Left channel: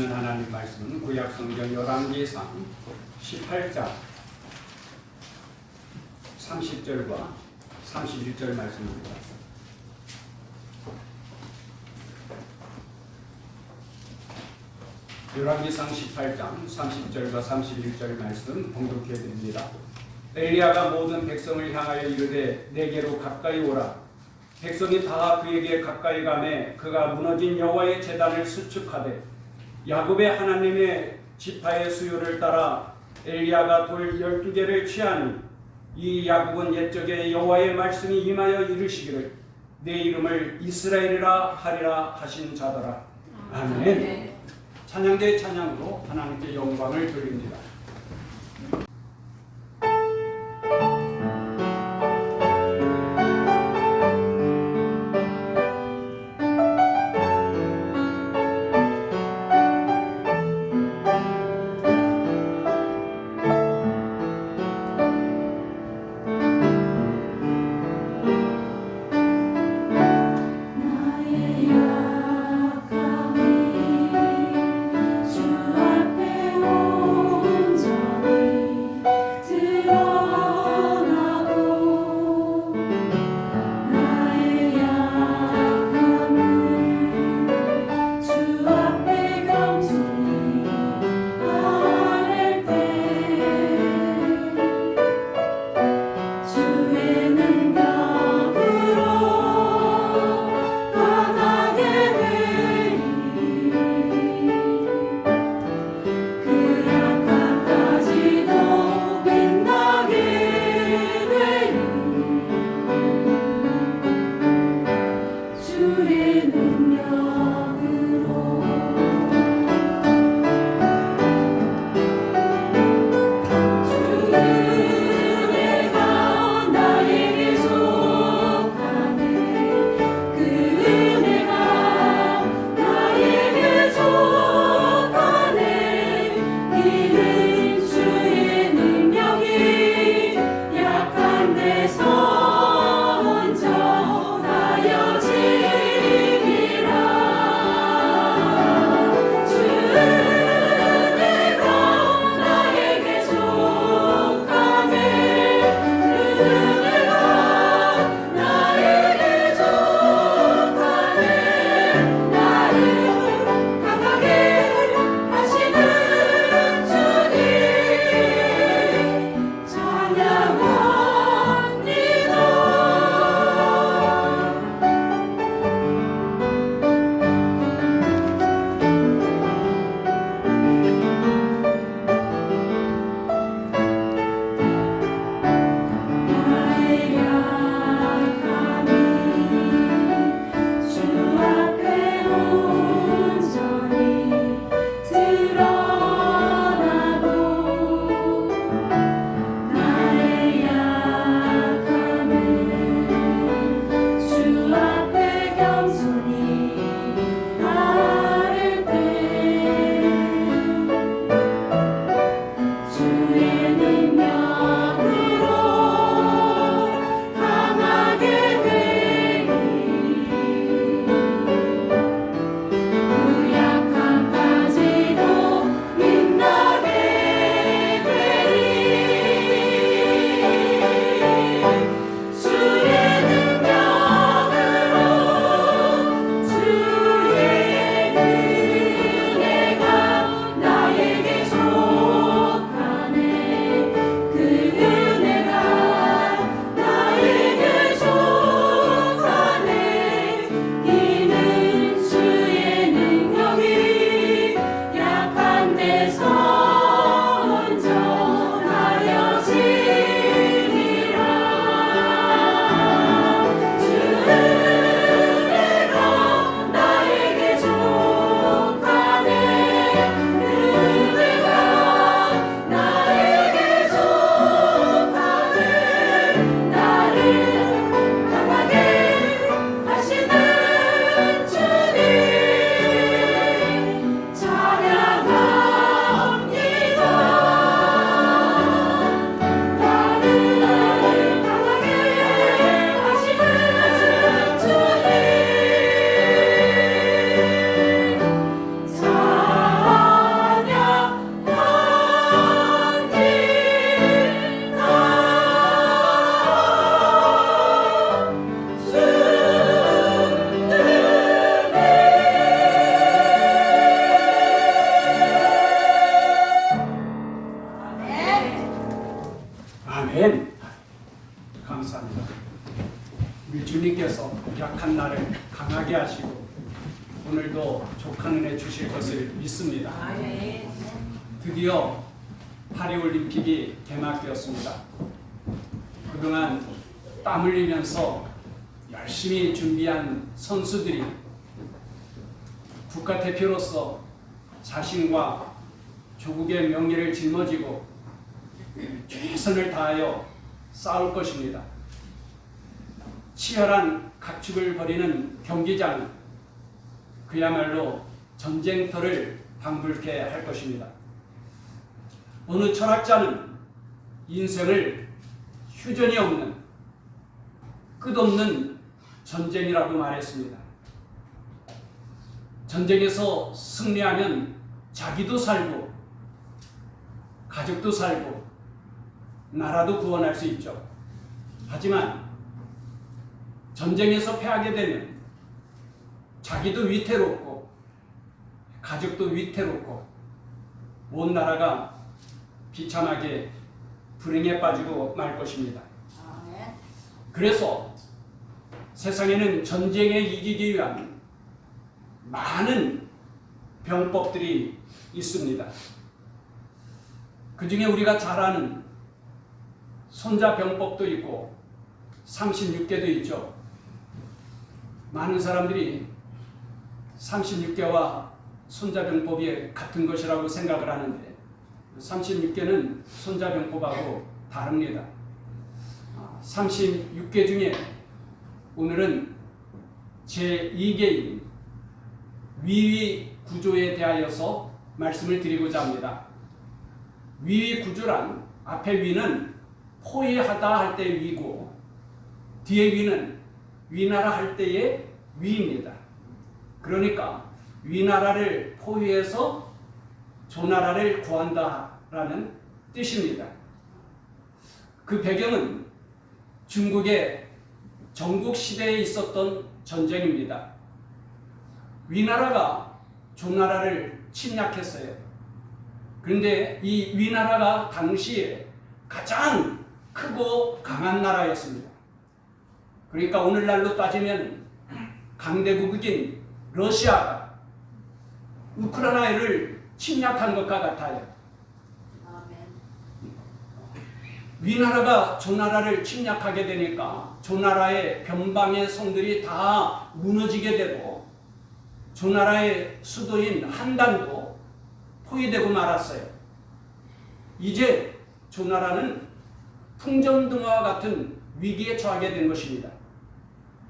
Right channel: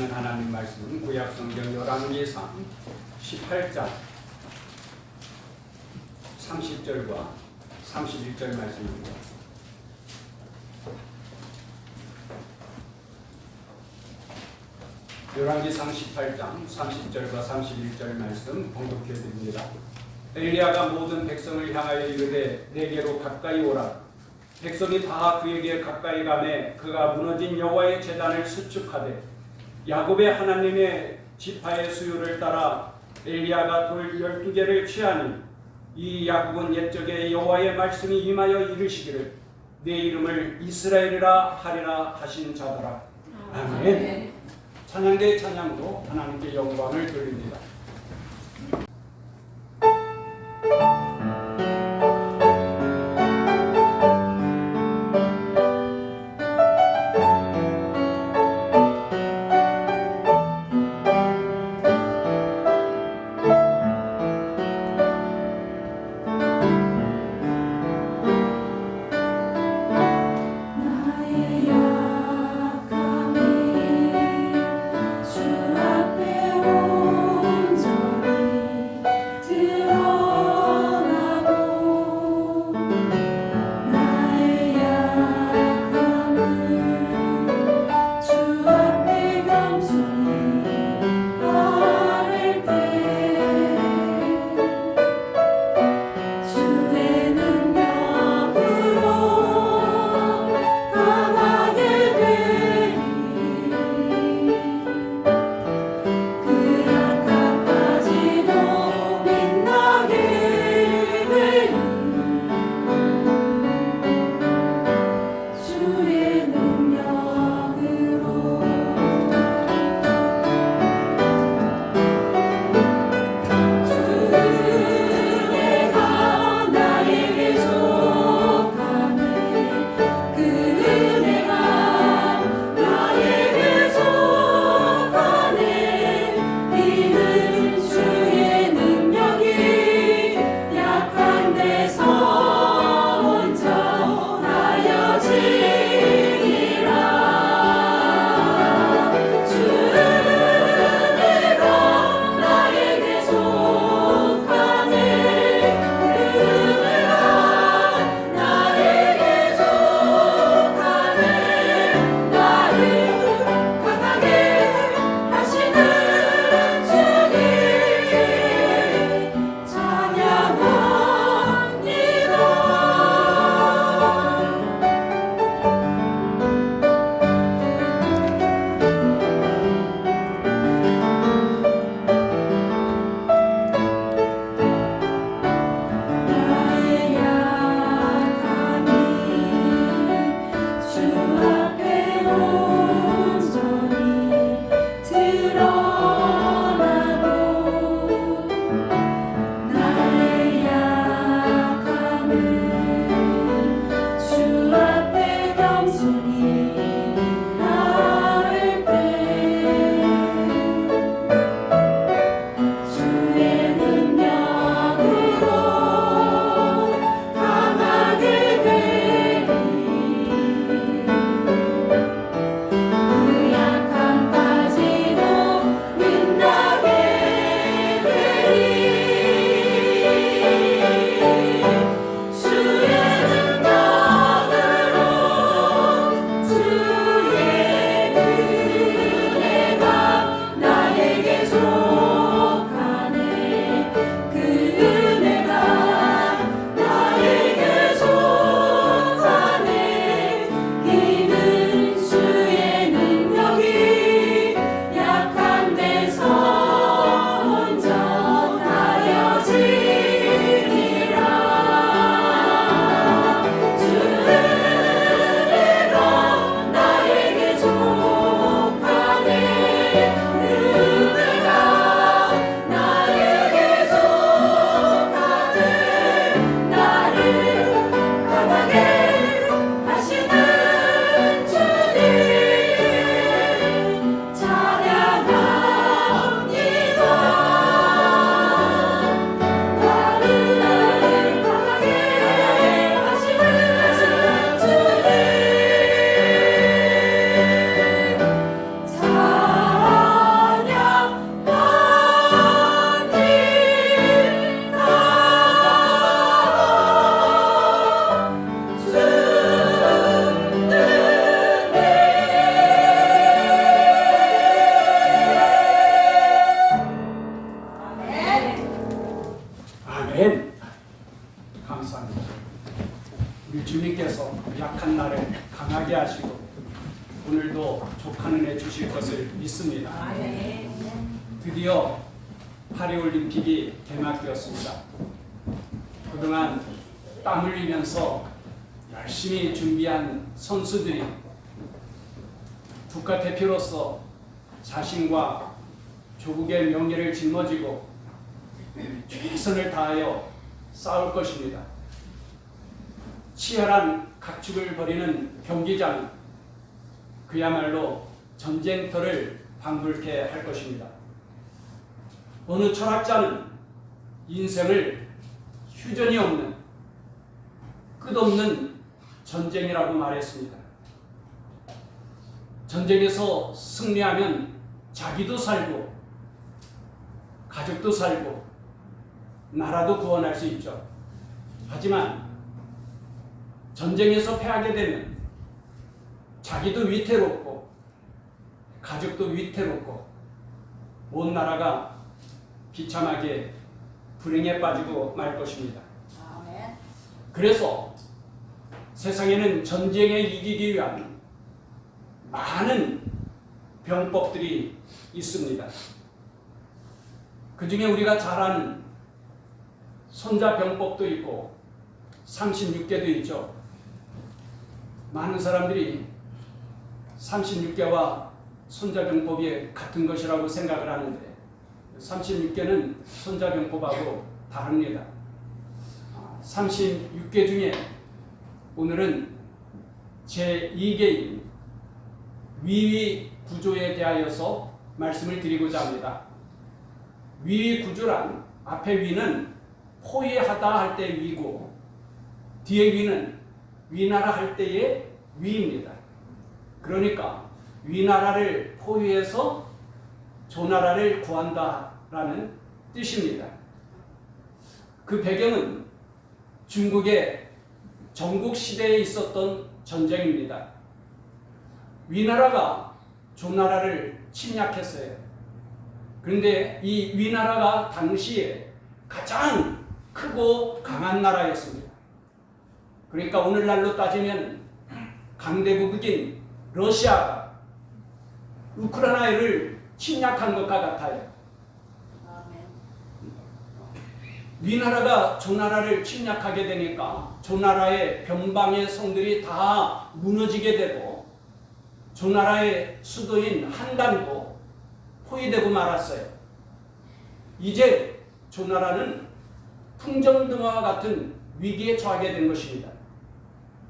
주시는 하나님 말씀은 구약성경 열왕기상 18장 30절과 31절 말씀입니다. 열왕기상 18장 30절과 31절 말씀 봉독해 드립니다. 엘리야가 모든 백성을 향하여 이르되 내게로 가까이 오라. 백성이 다 그에게 가까이 가매 그가 무너진 여호와의 제단을 수축하되 야곱의 하나님의 지파의 수요를 따라 엘리야가 돌 12개를 취하니 이 야곱은 옛적에 여호와의 말씀이 임하여 이르시기를 내 이름을 이스라엘이라 하리라 하신 자더라. 아멘. 찬양대 찬양으로 하나님께 영광을 돌립니다. 주 앞에 오 주실 것을 믿습니다. 드디어 파리올림픽이 개막되었습니다. 그동안 땀 흘리면서 열심히 준비한 선수들이 국가대표로서 자신과 조국의 명예를 짊어지고 최선을 다하여 싸울 것입니다. 치열한 각축을 벌이는 경기장은 그야말로 전쟁터를 방불케 할 것입니다. 어느 철학자는 인생을 휴전이 없는 끝없는 전쟁이라고 말했습니다. 전쟁에서 승리하면 자기도 살고 가족도 살고 나라도 구원할 수 있죠. 하지만 전쟁에서 패하게 되면 자기도 위태롭고 가족도 위태롭고 온 나라가 비참하게 불행에 빠지고 말 것입니다. 그래서 세상에는 전쟁에 이기기 위한 많은 병법들이 있습니다. 그 중에 우리가 잘 아는 손자병법도 있고 36개도 있죠. 많은 사람들이 36개와 손자병법이 같은 것이라고 생각을 하는데 36개는 손자병법하고 다릅니다. 36개 중에 오늘은 제2개인 위위구조에 대하여서 말씀을 드리고자 합니다. 위위구조란 앞에 위는 포위하다 할 때 위고 뒤에 위는 위나라 할 때의 위입니다. 그러니까 위나라를 포위해서 조나라를 구한다라는 뜻입니다. 그 배경은 중국의 전국시대에 있었던 전쟁입니다. 위나라가 조나라를 침략했어요. 그런데 이 위나라가 당시에 가장 크고 강한 나라였습니다. 그러니까 오늘날로 따지면 강대국인 러시아가 우크라이나를 침략한 것과 같아요. 위나라가 조나라를 침략하게 되니까 조나라의 변방의 성들이 다 무너지게 되고 조나라의 수도인 한단도 포위되고 말았어요. 이제 조나라는 풍정등화와 같은 위기에 처하게 된 것입니다.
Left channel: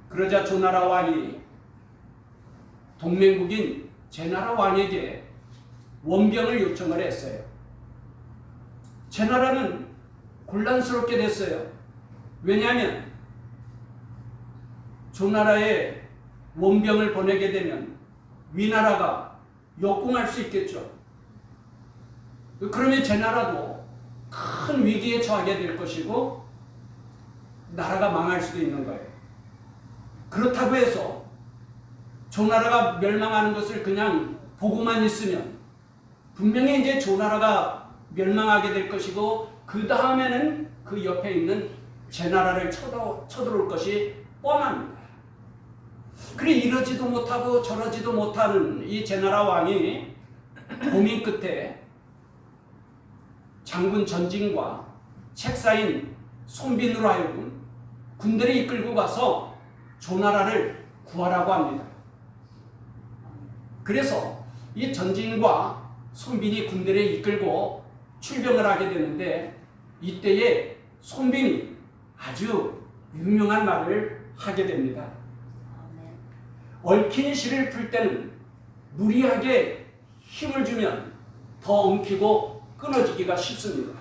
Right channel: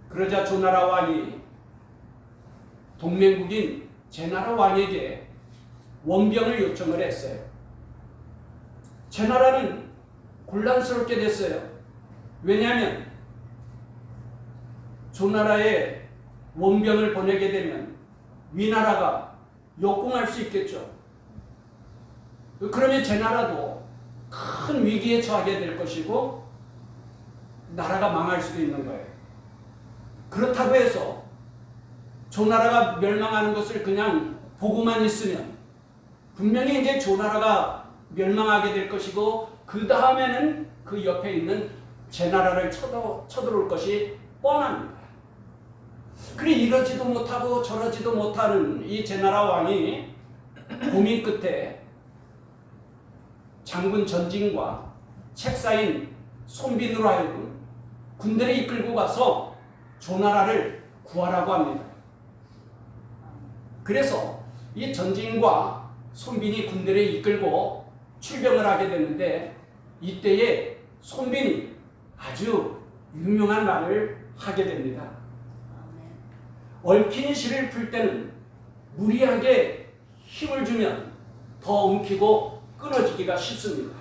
그러자 조나라 왕이 동맹국인 제나라 왕에게 원병을 요청을 했어요. 제나라는 곤란스럽게 됐어요. 왜냐하면 조나라에 원병을 보내게 되면 위나라가 역공할 수 있겠죠. 그러면 제나라도 큰 위기에 처하게 될 것이고 나라가 망할 수도 있는 거예요. 그렇다고 해서 조나라가 멸망하는 것을 그냥 보고만 있으면 분명히 이제 조나라가 멸망하게 될 것이고 그 다음에는 그 옆에 있는 제나라를 쳐들어올 것이 뻔합니다. 그래 이러지도 못하고 저러지도 못하는 이 제나라 왕이 고민 끝에 장군 전진과 책사인 손빈으로 하여금 군대를 이끌고 가서 조나라를 구하라고 합니다. 그래서 이 전진과 손빈이 군대를 이끌고 출병을 하게 되는데 이때에 손빈이 아주 유명한 말을 하게 됩니다. 얽힌 실을 풀 때는 무리하게 힘을 주면 더 엉키고 끊어지기가 쉽습니다.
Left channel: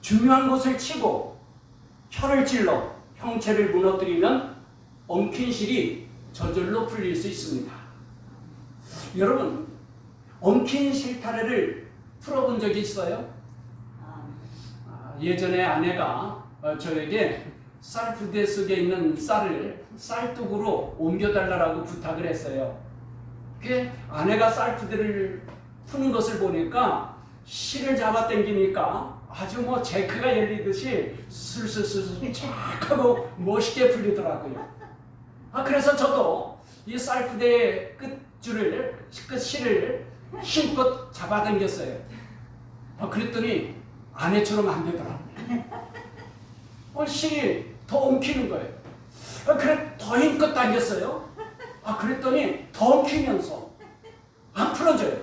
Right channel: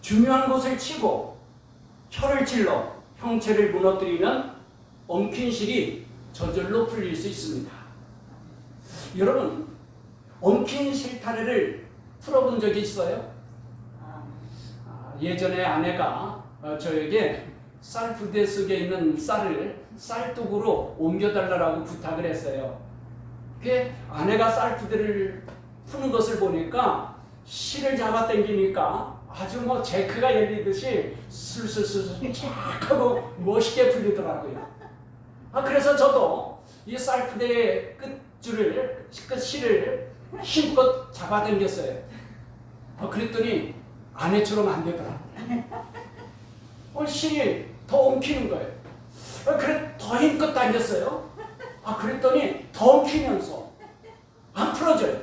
중요한 곳을 치고 혀를 찔러 형체를 무너뜨리면 엉킨 실이 저절로 풀릴 수 있습니다. 여러분, 엉킨 실타래를 풀어본 적이 있어요? 예전에 아내가 저에게 쌀부대 속에 있는 쌀을 쌀뚝으로 옮겨달라고 부탁을 했어요. 그게 아내가 쌀부대를 푸는 것을 보니까 실을 잡아당기니까 아주 뭐 제크가 열리듯이 술술술 쫙 하고 멋있게 풀리더라고요. 그래서 저도 이 쌀부대의 끝 그 실을 힘껏 잡아당겼어요. 그랬더니 아내처럼 안 되더라고요. 실이 더 엉키는 거예요. 그래 더 힘껏 당겼어요. 그랬더니 더 엉키면서 안 풀어져요.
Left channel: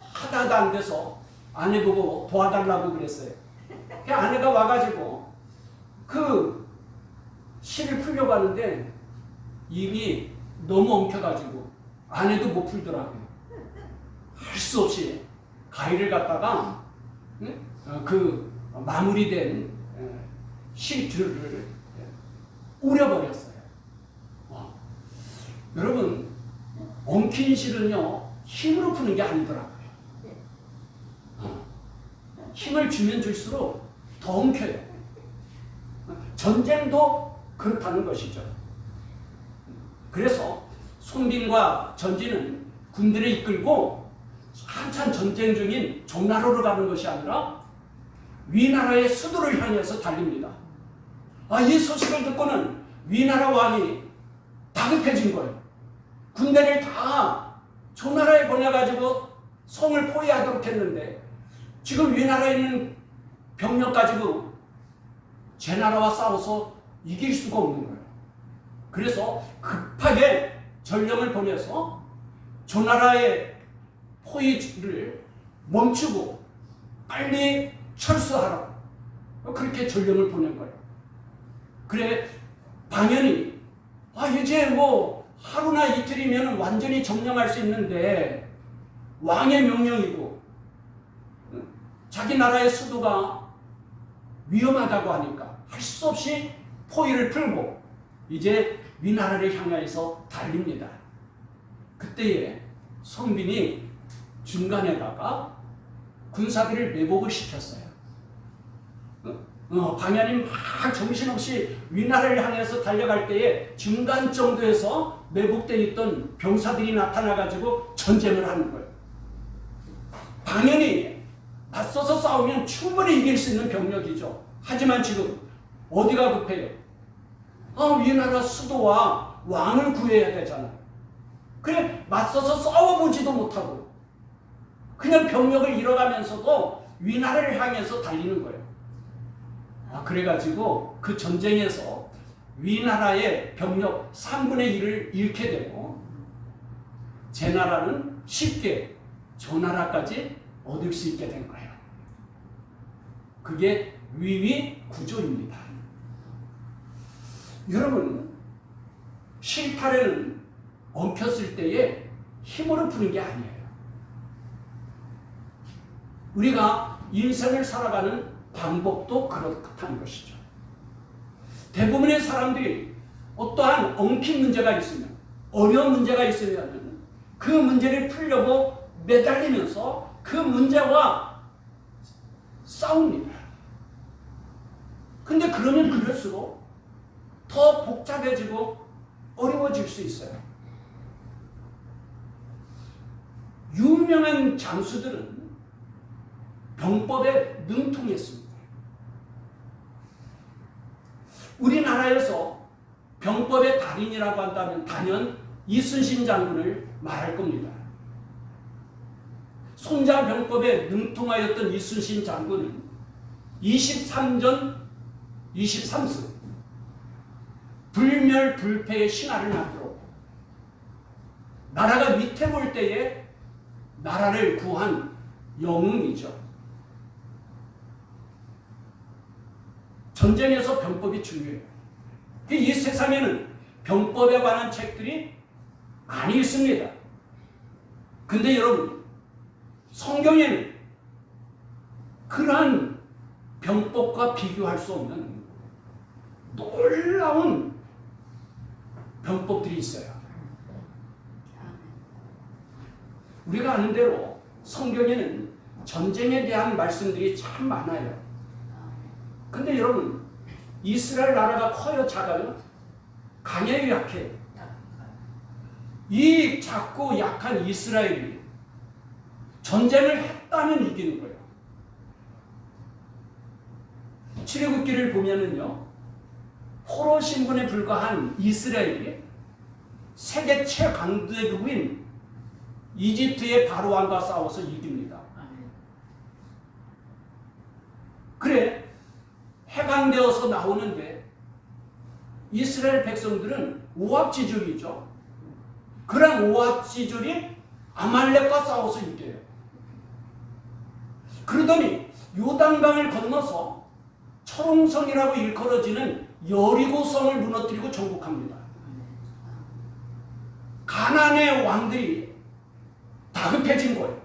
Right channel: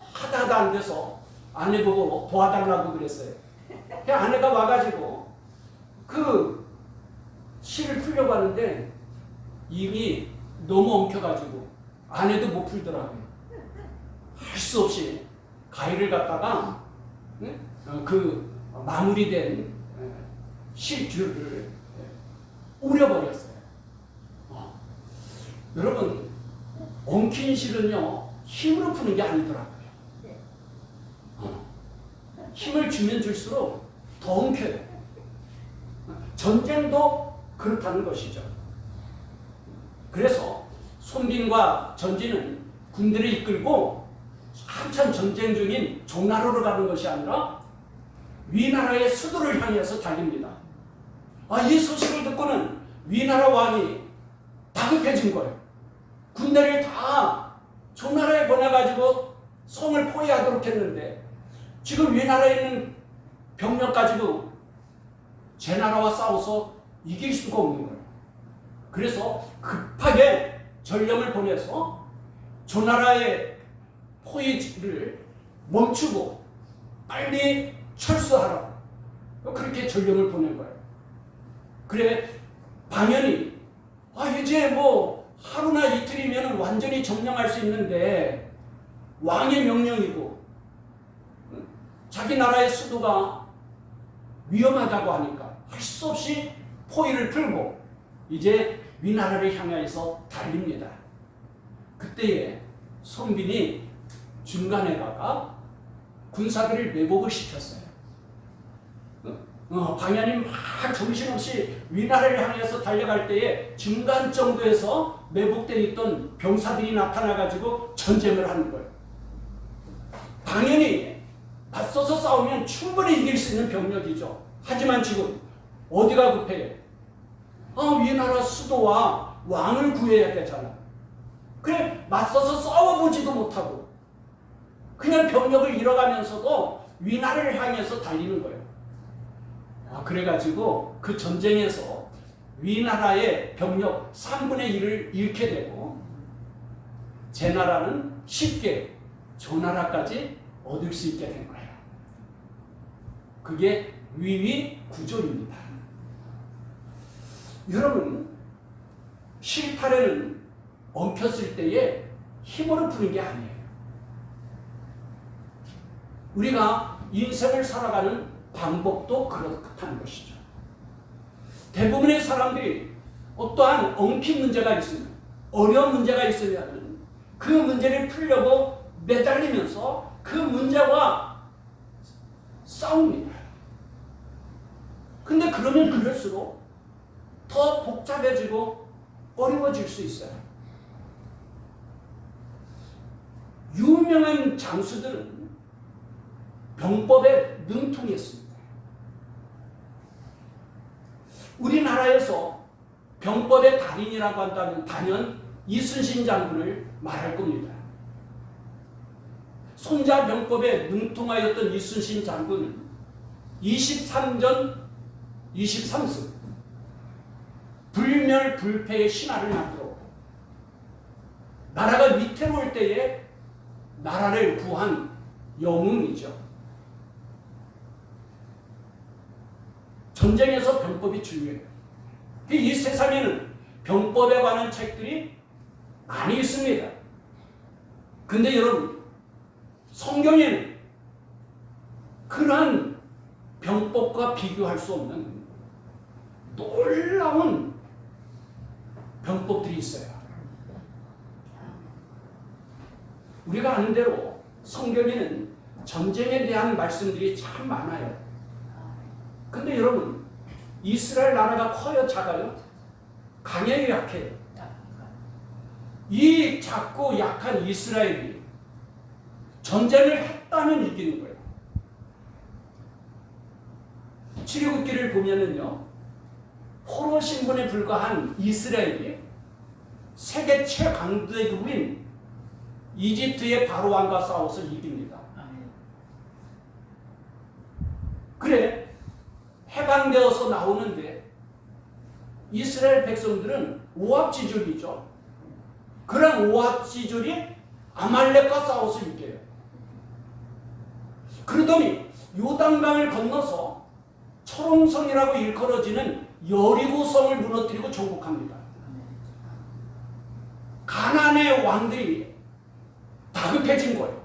하다도 안 돼서 아내 보고 도와달라고 그랬어요. 그 아내가 와가지고 그 실을 풀려고 하는데 이미 너무 엉켜가지고 아내도 못 풀더라고요. 할 수 없이 가위를 갖다가 그 마무리된 실줄을 우려버렸어요. 여러분, 엉킨 실은요 힘으로 푸는 게 아니더라고요. 힘을 주면 줄수록 더 엉켜요. 전쟁도 그렇다는 것이죠. 그래서 손빈과 전진은 군대를 이끌고 한참 전쟁 중인 종나라로 가는 것이 아니라 위나라의 수도를 향해서 달립니다. 이 소식을 듣고는 위나라 왕이 다급해진 거예요. 군대를 다 종나라에 보내가지고 성을 포위하도록 했는데 지금 위나라에 있는 병력 가지고 제 나라와 싸워서 이길 수가 없는 거예요. 그래서 급하게 전령을 보내서 조나라의 포위를 멈추고 빨리 철수하라고 그렇게 전령을 보낸 거예요. 그래 방연이 이제 뭐 하루나 이틀이면 완전히 점령할 수 있는데 왕의 명령이고 자기 나라의 수도가 위험하다고 하니까 할 수 없이 포위를 풀고 이제 위나라를 향하여서 달립니다. 그때에 손빈이 중간에다가 군사들을 매복을 시켰어요. 방연이 막 정신없이 위나라를 향해서 달려갈 때에 중간 정도에서 매복되어 있던 병사들이 나타나가지고 전쟁을 하는 거예요. 방연이 맞서서 싸우면 충분히 이길 수 있는 병력이죠. 하지만 지금 어디가 급해요? 위나라 수도와 왕을 구해야 되잖아요. 그래 맞서서 싸워보지도 못하고 그냥 병력을 잃어가면서도 위나라를 향해서 달리는 거예요. 그래가지고 그 전쟁에서 위나라의 병력 3분의 1을 잃게 되고 제 나라는 쉽게 조나라까지 얻을 수 있게 된 거예요. 그게 위위 구조입니다. 여러분, 실타래는 엉켰을 때에 힘으로 푸는 게 아니에요. 우리가 인생을 살아가는 방법도 그렇다는 것이죠. 대부분의 사람들이 어떠한 엉킨 문제가 있으면, 어려운 문제가 있으면 그 문제를 풀려고 매달리면서 그 문제와 싸웁니다. 근데 그러면 그럴수록 더 복잡해지고 어려워질 수 있어요. 유명한 장수들은 병법에 능통했습니다. 우리나라에서 병법의 달인이라고 한다면 단연 이순신 장군을 말할 겁니다. 손자 병법에 능통하였던 이순신 장군은 23전 23승 불멸불패의 신화를 만들었고 나라가 위태로울 때에 나라를 구한 영웅이죠. 전쟁에서 병법이 중요해요. 이 세상에는 병법에 관한 책들이 많이 있습니다. 근데 여러분, 성경에는 그러한 병법과 비교할 수 없는 놀라운 병법들이 있어요. 우리가 아는 대로 성경에는 전쟁에 대한 말씀들이 참 많아요. 근데 여러분, 이스라엘 나라가 커요, 작아요? 강해요, 약해요? 이 작고 약한 이스라엘이 전쟁을 했다면 이기는 거예요. 출애굽기를 보면은요, 포로 신분에 불과한 이스라엘이 세계 최강대국인 이집트의 바로왕과 싸워서 이깁니다. 그래 해방되어서 나오는데 이스라엘 백성들은 오합지졸이죠. 그런 오합지졸이 아말렉과 싸워서 이겨요. 그러더니 요단강을 건너서 철옹성이라고 일컬어지는 여리고성을 무너뜨리고 정복합니다. 가나안의 왕들이 다급해진 거예요.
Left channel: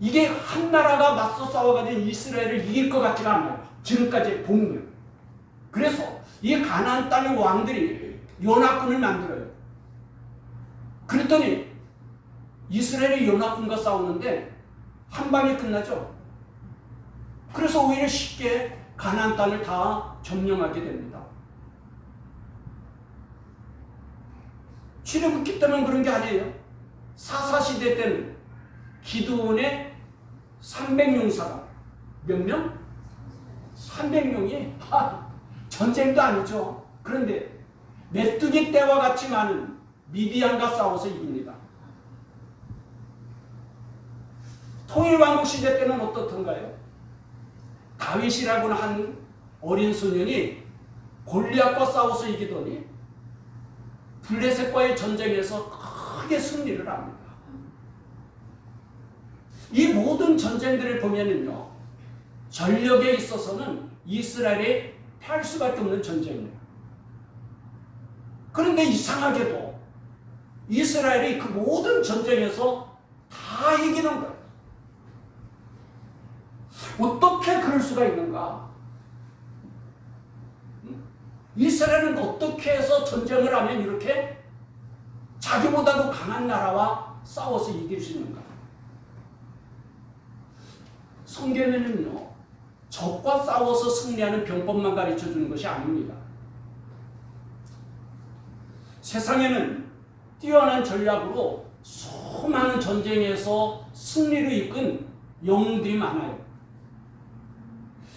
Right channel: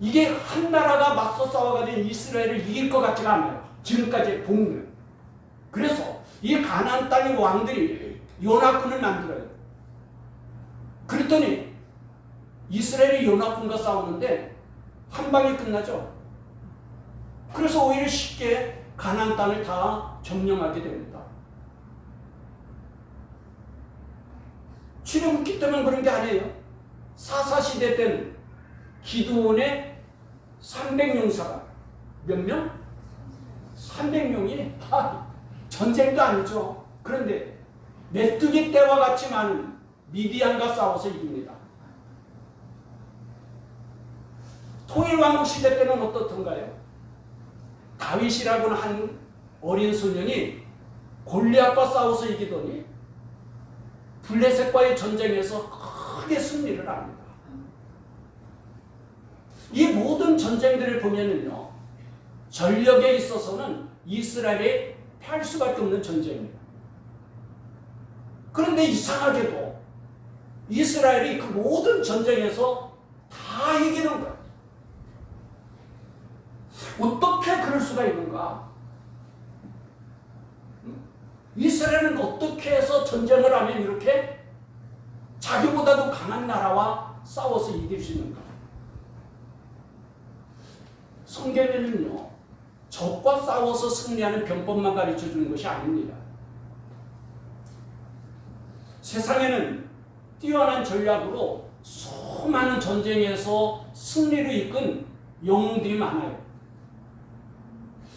이게 한 나라가 맞서 싸워가지고 이스라엘을 이길 것 같지가 않아요. 지금까지 본 거예요. 그래서 이 가나안 땅의 왕들이 연합군을 만들어요. 그랬더니 이스라엘이 연합군과 싸우는데 한 방에 끝나죠. 그래서 오히려 쉽게 가나안 땅을 다 점령하게 됩니다. 출애굽기 때문에 그런 게 아니에요. 사사시대 때는 기드온의 300용사가 몇 명? 300명이 전쟁도 아니죠. 그런데 메뚜기 떼와 같이 많은 미디안과 싸워서 이깁니다. 통일왕국 시대 때는 어떻던가요? 다윗이라고는 한 어린 소년이 골리앗과 싸워서 이기더니 블레셋과의 전쟁에서 크게 승리를 합니다. 이 모든 전쟁들을 보면은요, 전력에 있어서는 이스라엘이 패할 수밖에 없는 전쟁이에요. 그런데 이상하게도 이스라엘이 그 모든 전쟁에서 다 이기는 거예요. 어떻게 그럴 수가 있는가? 이스라엘은 어떻게 해서 전쟁을 하면 이렇게 자기보다도 강한 나라와 싸워서 이길 수 있는가? 성경에는요, 적과 싸워서 승리하는 병법만 가르쳐 주는 것이 아닙니다. 세상에는 뛰어난 전략으로 수많은 전쟁에서 승리를 이끈 영웅들이 많아요.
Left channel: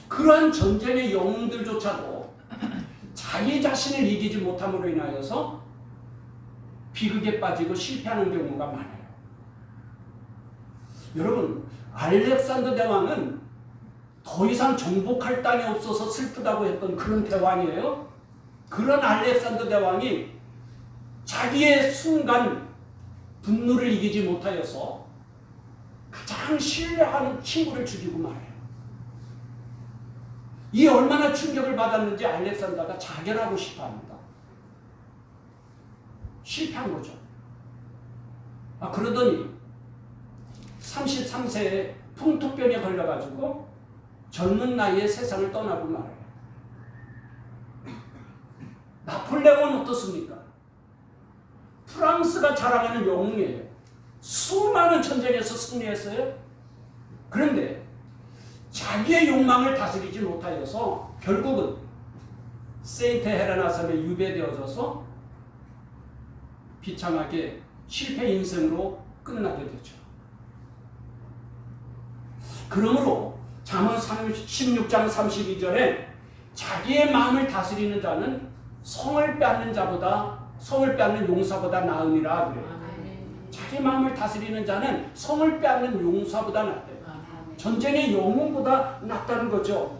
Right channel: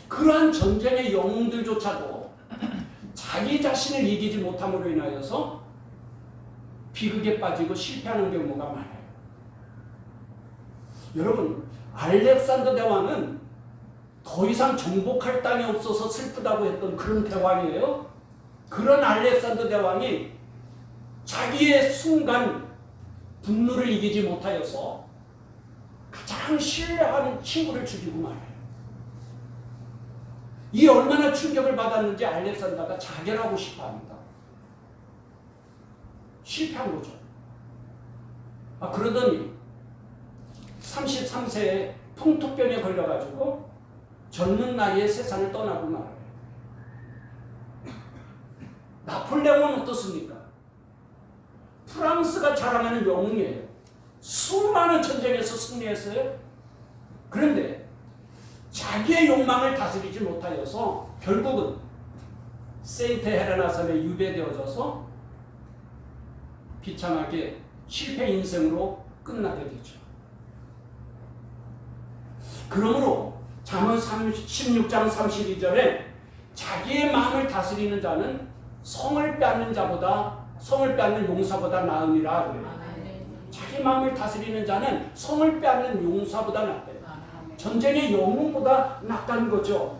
그러한 전쟁의 영웅들조차도 자기 자신을 이기지 못함으로 인하여서 비극에 빠지고 실패하는 경우가 많아요. 여러분, 알렉산더 대왕은 더 이상 정복할 땅이 없어서 슬프다고 했던 그런 대왕이에요. 그런 알렉산더 대왕이 자기의 순간 분노를 이기지 못하여서 가장 신뢰하는 친구를 죽이고 말아요. 이 얼마나 충격을 받았는지 알렉산더가 자결하고 싶어합니다. 실패한 거죠. 그러더니 33세에 풍토병에 걸려가지고 젊은 나이에 세상을 떠나고 말아요. 나폴레옹은 어떻습니까? 프랑스가 자랑하는 영웅이에요. 수많은 전쟁에서 승리했어요. 그런데 자기의 욕망을 다스리지 못하여서 결국은 세인트 헬레나 섬에 유배되어져서 비참하게 실패 인생으로 끝나게 되죠. 그러므로 잠언 16장 32절에 자기의 마음을 다스리는 자는 성을 빼앗는 용사보다 나으니라 그래요. 자기 마음을 다스리는 자는 성을 빼앗는 용사보다 낫대요. 전쟁의 영웅보다 낫다는 거죠.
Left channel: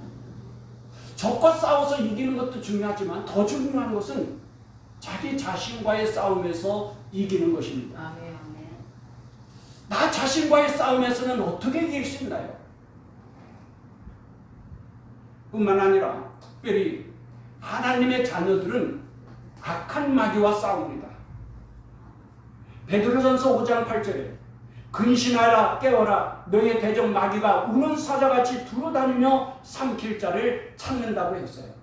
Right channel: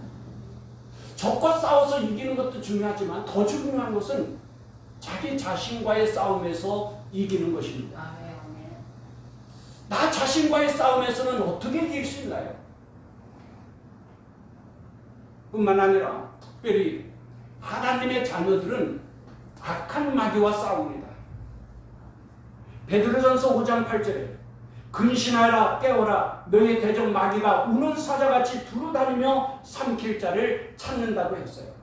적과 싸워서 이기는 것도 중요하지만 더 중요한 것은 자기 자신과의 싸움에서 이기는 것입니다. 나 자신과의 싸움에서는 어떻게 이길 수 있나요? 뿐만 아니라 특별히 하나님의 자녀들은 악한 마귀와 싸웁니다. 베드로전서 5장 8절에 근신하라 깨어라 너의 대적 마귀가 우는 사자같이 두루다니며 삼킬 자를 찾는다고 했어요.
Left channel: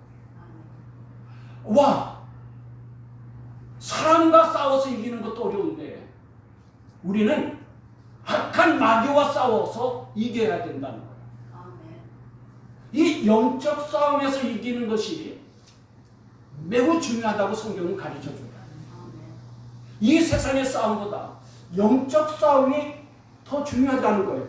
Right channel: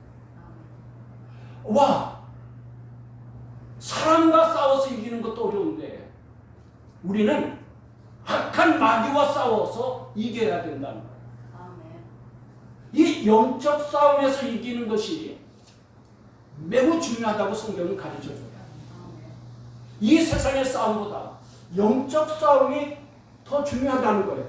와, 사람과 싸워서 이기는 것도 어려운데 우리는 악한 마귀와 싸워서 이겨야 된다는 거예요. 이 영적 싸움에서 이기는 것이 매우 중요하다고 성경은 가르쳐줍니다. 이 세상의 싸움보다 영적 싸움이 더 중요하다는 거예요.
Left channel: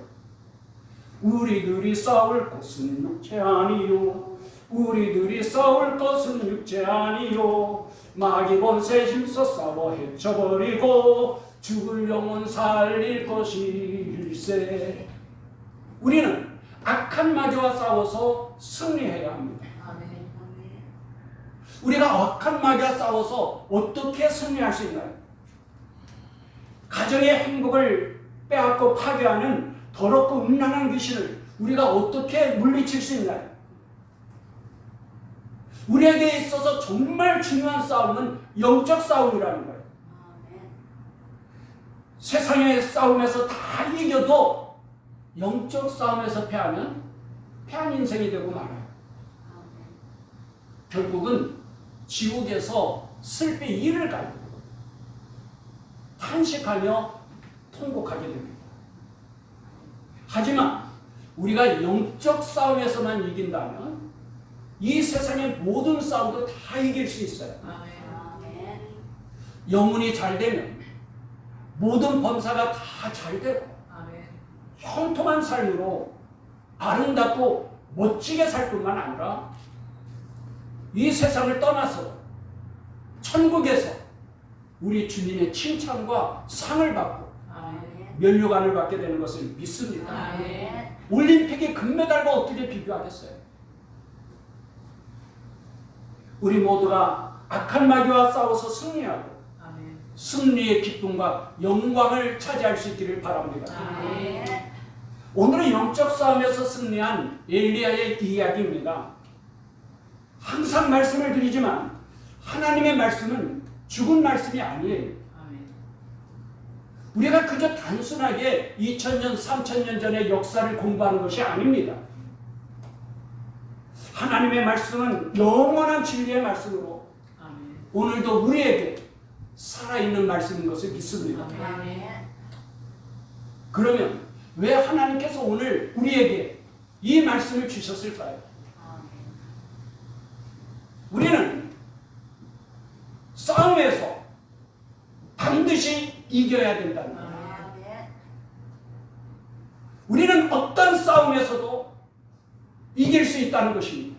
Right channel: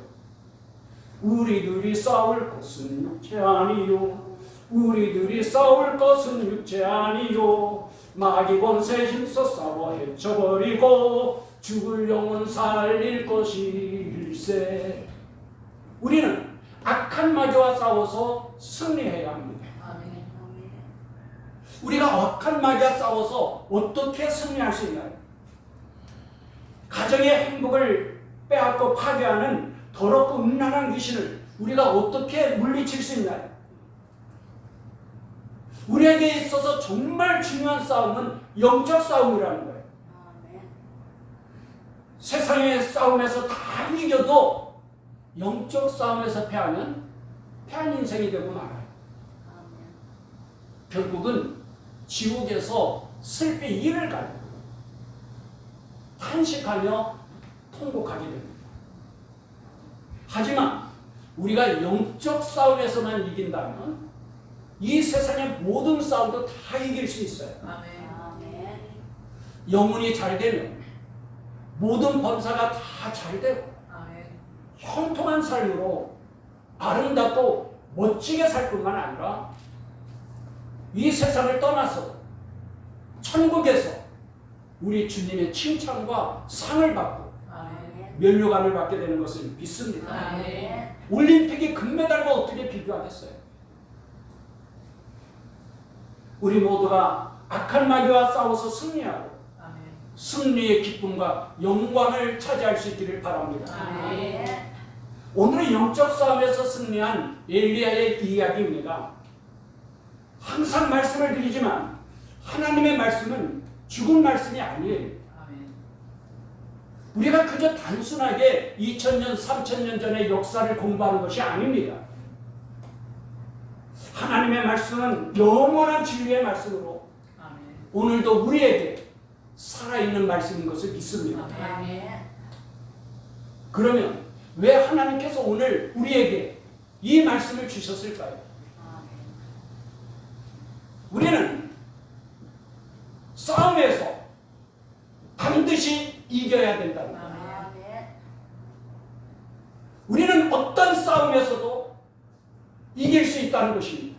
우리들이 싸울 것은 육체 아니요 우리들이 싸울 것은 육체 아니요 마귀 권세 힘써 싸워 헤쳐버리고 죽을 영혼 살릴 것일세. 우리는 악한 마귀와 싸워서 승리해야 합니다. 우리가 악한 마귀와 싸워서 어떻게 승리할 수 있나요? 가정의 행복을 빼앗고 파괴하는 더럽고 음란한 귀신을 우리가 어떻게 물리칠 수 있나요? 우리에게 있어서 정말 중요한 싸움은 영적 싸움이라는 거예요. 세상의 싸움에서 다 이겨도 영적 싸움에서 패하면 패한 인생이 되고 말아요. 결국은 지옥에서 슬피 이를 갈고 탄식하며 통곡하게 됩니다. 하지만 우리가 영적 싸움에서만 이긴다면 이 세상의 모든 싸움도 다 이길 수 있어요. 영혼이 잘 되면 모든 범사가 다 잘 되고 형통한 삶으로 아름답고 멋지게 살 뿐만 아니라 이 세상을 떠나서 천국에서 우리 주님의 칭찬과 상을 받고 면류관을 받게 되는 것을 믿습니다. 올림픽의 금메달과 어떻게 비교하겠어요? 우리 모두가 악한 마귀와 싸워서 승리하고 승리의 기쁨과 영광을 차지할 수 있기를 바랍니다. 오늘은 영적 싸움에서 승리한 엘리야의 이야기입니다. 항상 말씀을 드리지만 하나님의 말씀은 죽은 말씀이 아니에요. 우리가 그저 단순하게 2000년, 3000년 전의 역사를 공부하는 것이 아닙니다. 하나님의 말씀은 영원한 진리의 말씀으로 오늘도 우리에게 살아있는 말씀인 것을 믿습니다. 그러면 왜 하나님께서 오늘 우리에게 이 말씀을 주셨을까요? 우리는 싸움에서 반드시 이겨야 된다는 거예요. 우리는 어떤 싸움에서도 이길 수 있다는 것입니다.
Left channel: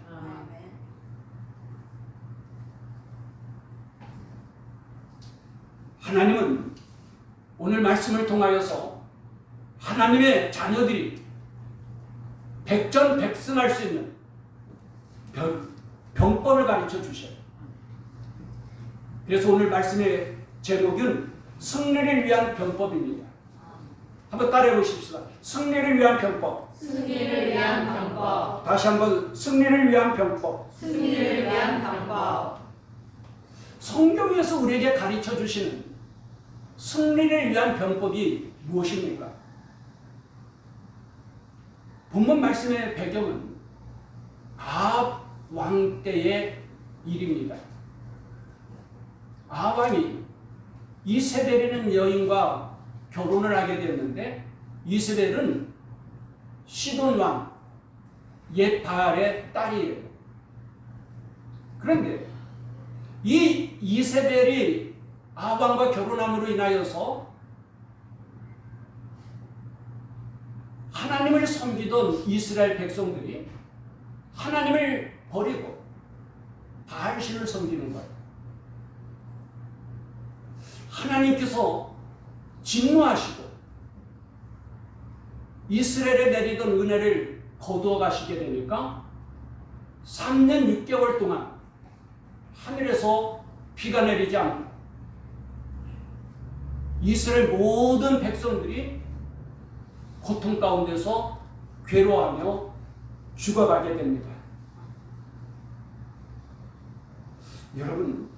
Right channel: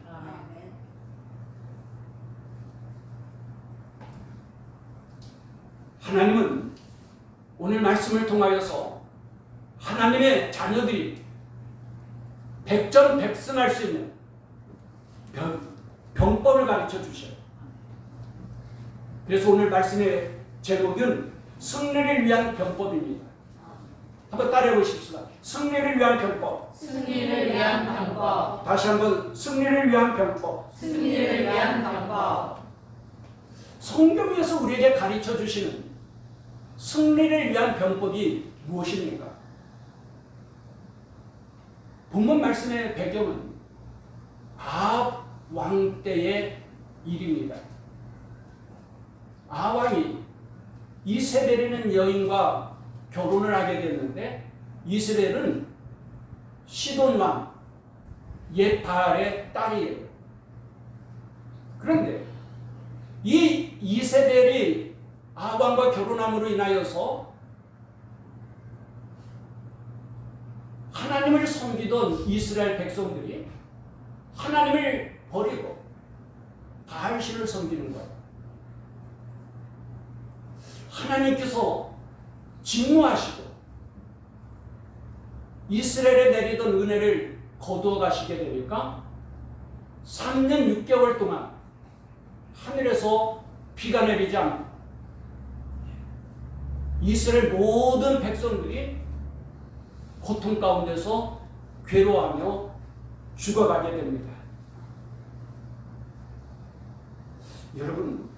하나님은 오늘 말씀을 통하여서 하나님의 자녀들이 백전백승할 수 있는 병법을 가르쳐 주셔요. 그래서 오늘 말씀의 제목은 승리를 위한 병법입니다. 한번 따라해 보십시다. 승리를 위한 병법. 승리를 위한 병법. 다시 한번 승리를 위한 병법. 승리를 위한 병법. 성경에서 우리에게 가르쳐 주시는 승리를 위한 병법이 무엇입니까? 본문 말씀의 배경은 아합 왕 때의 일입니다. 아합 왕이 이세벨이라는 여인과 결혼을 하게 됐는데 이세벨은 시돈 왕 옛 바알의 딸이에요. 그런데 이 이세벨이 아합 왕과 결혼함으로 인하여서 하나님을 섬기던 이스라엘 백성들이 하나님을 버리고 바알신을 섬기는 거예요. 하나님께서 진노하시고 이스라엘에 내리던 은혜를 거두어 가시게 되니까 3년 6개월 동안 하늘에서 비가 내리지 않고 이스라엘 모든 백성들이 고통 가운데서 괴로워하며 죽어가게 됩니다. 여러분,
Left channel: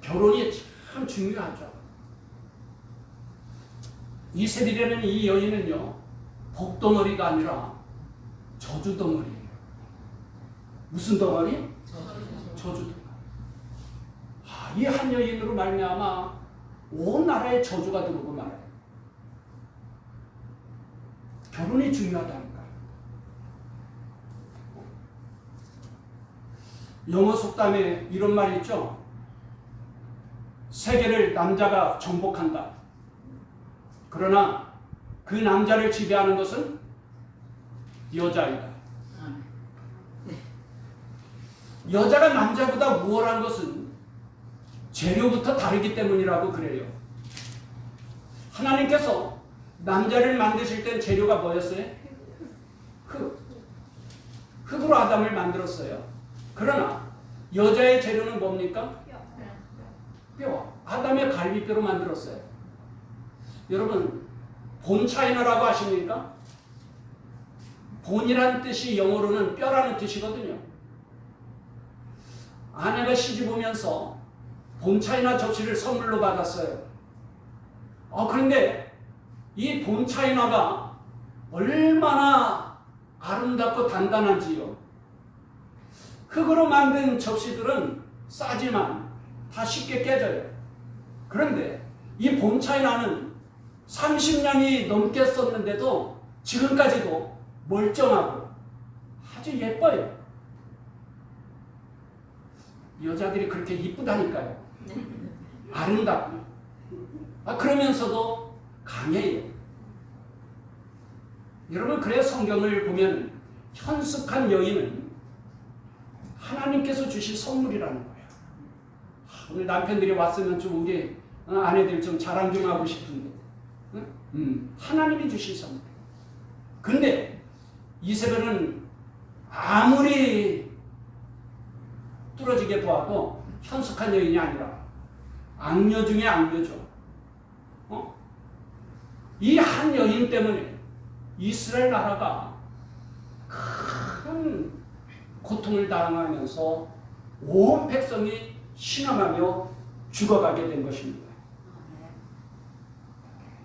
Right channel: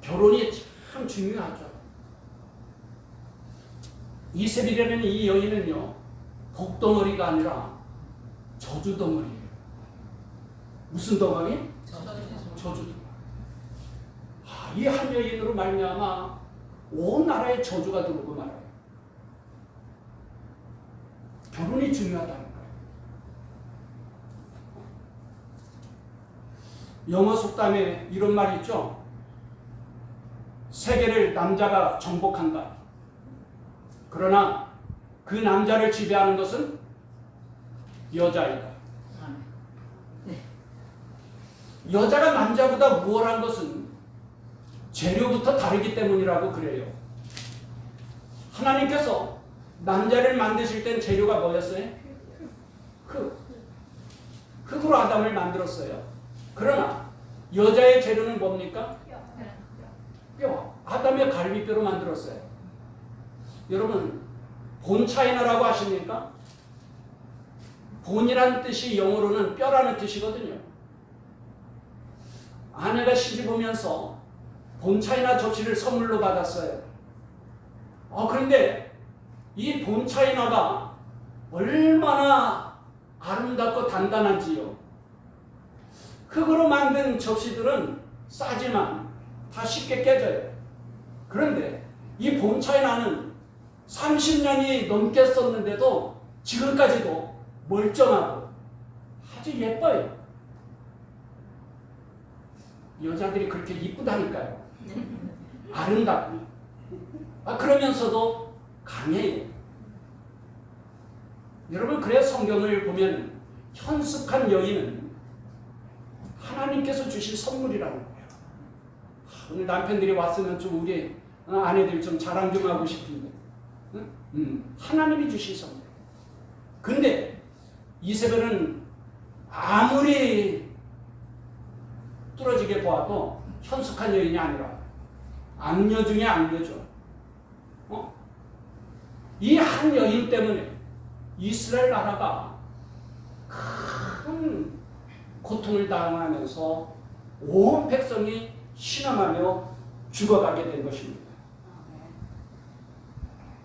결혼이 참 중요하죠. 이세벨이라는 이 여인은요, 복덩어리가 아니라 저주덩어리예요. 무슨 덩어리? 저주덩어리. 이 한 여인으로 말미암아 온 나라에 저주가 들어오고 말아요. 결혼이 중요하다니까요. 영어 속담에 이런 말이 있죠. 세계를 남자가 정복한다. 그러나 그 남자를 지배하는 것은 여자이다. 여자가 남자보다 우월한 것은 재료부터 다르기 때문이라고 그래요. 하나님께서 남자를 만드실 땐 재료가 뭐였어요? 흙으로 아담을 만들었어요. 그러나 여자의 재료는 뭡니까? 뼈. 아담의 갈비뼈로 만들었어요. 여러분, 본차이나라고 아십니까? 본이란 뜻이 영어로는 뼈라는 뜻이거든요. 아내가 시집 오면서 본차이나 접시를 선물로 받았어요. 그런데 이 본차이나가 얼마나 아름답고 단단한지요. 흙으로 만든 접시들은 싸지만 다 쉽게 깨져요. 그런데 이 본차이나는 30년이 넘게 썼는데도 지금까지도 멀쩡하고 아주 예뻐요. 여자들이 그렇게 이쁘다니까요. 아름답고. 그러면서도 강해요. 여러분, 그래 성경을 보면 현숙한 여인은 하나님께서 주신 선물이라는 거예요. 오늘 남편들이 왔으면 좀 우리 아내들 좀 자랑 좀 하고 싶은데, 하나님이 주신 선물. 근데 이세벨은 아무리 뚫어지게 보아도 현숙한 여인이 아니라 악녀 중에 악녀죠. 이 한 여인 때문에 이스라엘 나라가 큰 고통을 당하면서 온 백성이 신음하며 죽어가게 된 것입니다.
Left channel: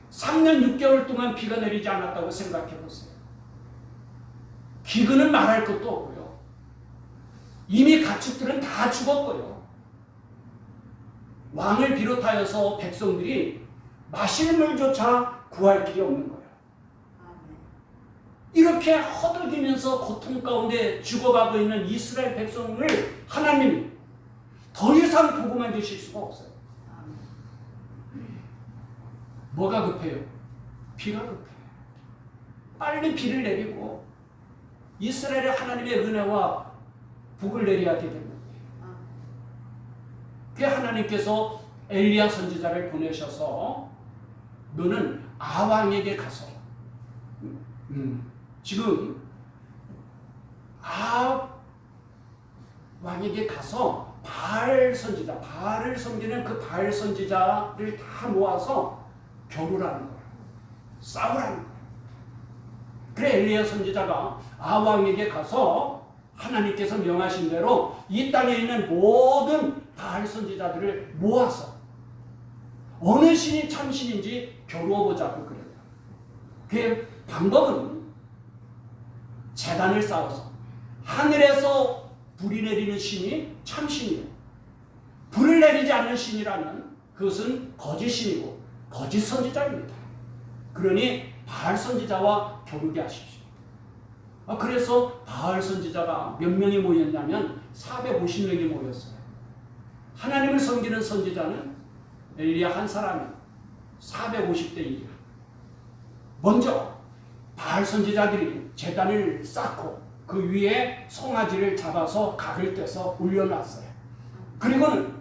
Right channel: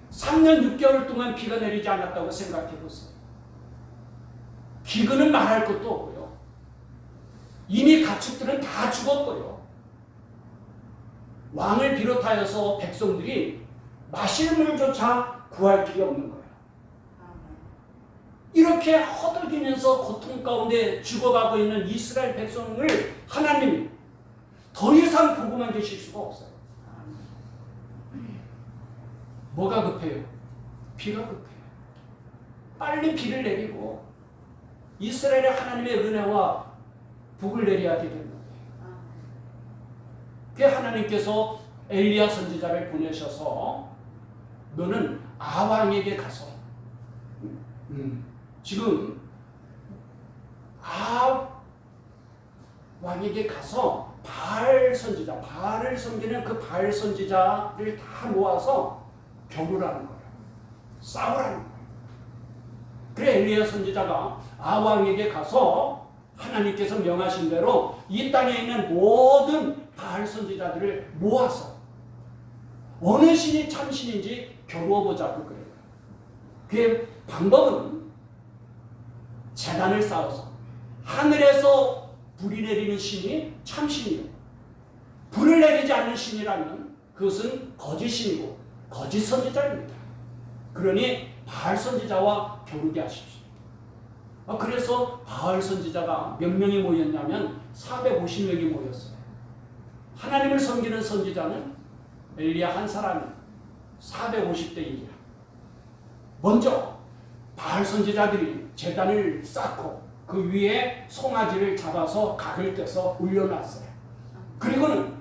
3년 6개월 동안 비가 내리지 않았다고 생각해 보세요. 기근은 말할 것도 없고요. 이미 가축들은 다 죽었고요. 왕을 비롯하여서 백성들이 마실 물조차 구할 길이 없는 거예요. 이렇게 허덕이면서 고통 가운데 죽어가고 있는 이스라엘 백성을 하나님이 더 이상 보고만 계실 수가 없어요. 뭐가 급해요? 비가 급해요. 빨리 비를 내리고 이스라엘의 하나님의 은혜와 복을 내려야 되는 거예요. 그 하나님께서 엘리야 선지자를 보내셔서 너는 아왕에게 가서 지금 아왕에게 가서 바알 선지자, 바알을 섬기는 그 바알 선지자를 다 모아서 겨루라는 거예요. 싸우라는 거예요. 그래 엘리야 선지자가 아왕에게 가서 하나님께서 명하신 대로 이 땅에 있는 모든 바알 선지자들을 모아서 어느 신이 참신인지 겨루어보자고 그래요. 그 방법은 제단을 쌓아서 하늘에서 불이 내리는 신이 참신이요, 불을 내리지 않는 신이라면 그것은 거짓 신이고 거짓 선지자입니다. 그러니 바알 선지자와 겨루게 하십시오. 그래서 바알 선지자가 몇 명이 모였냐면 450명이 모였어요. 하나님을 섬기는 선지자는 엘리야 한 사람이 450대 1이야. 먼저 바알 선지자들이 제단을 쌓고 그 위에 송아지를 잡아서 각을 떼서 올려놨어요. 그리고는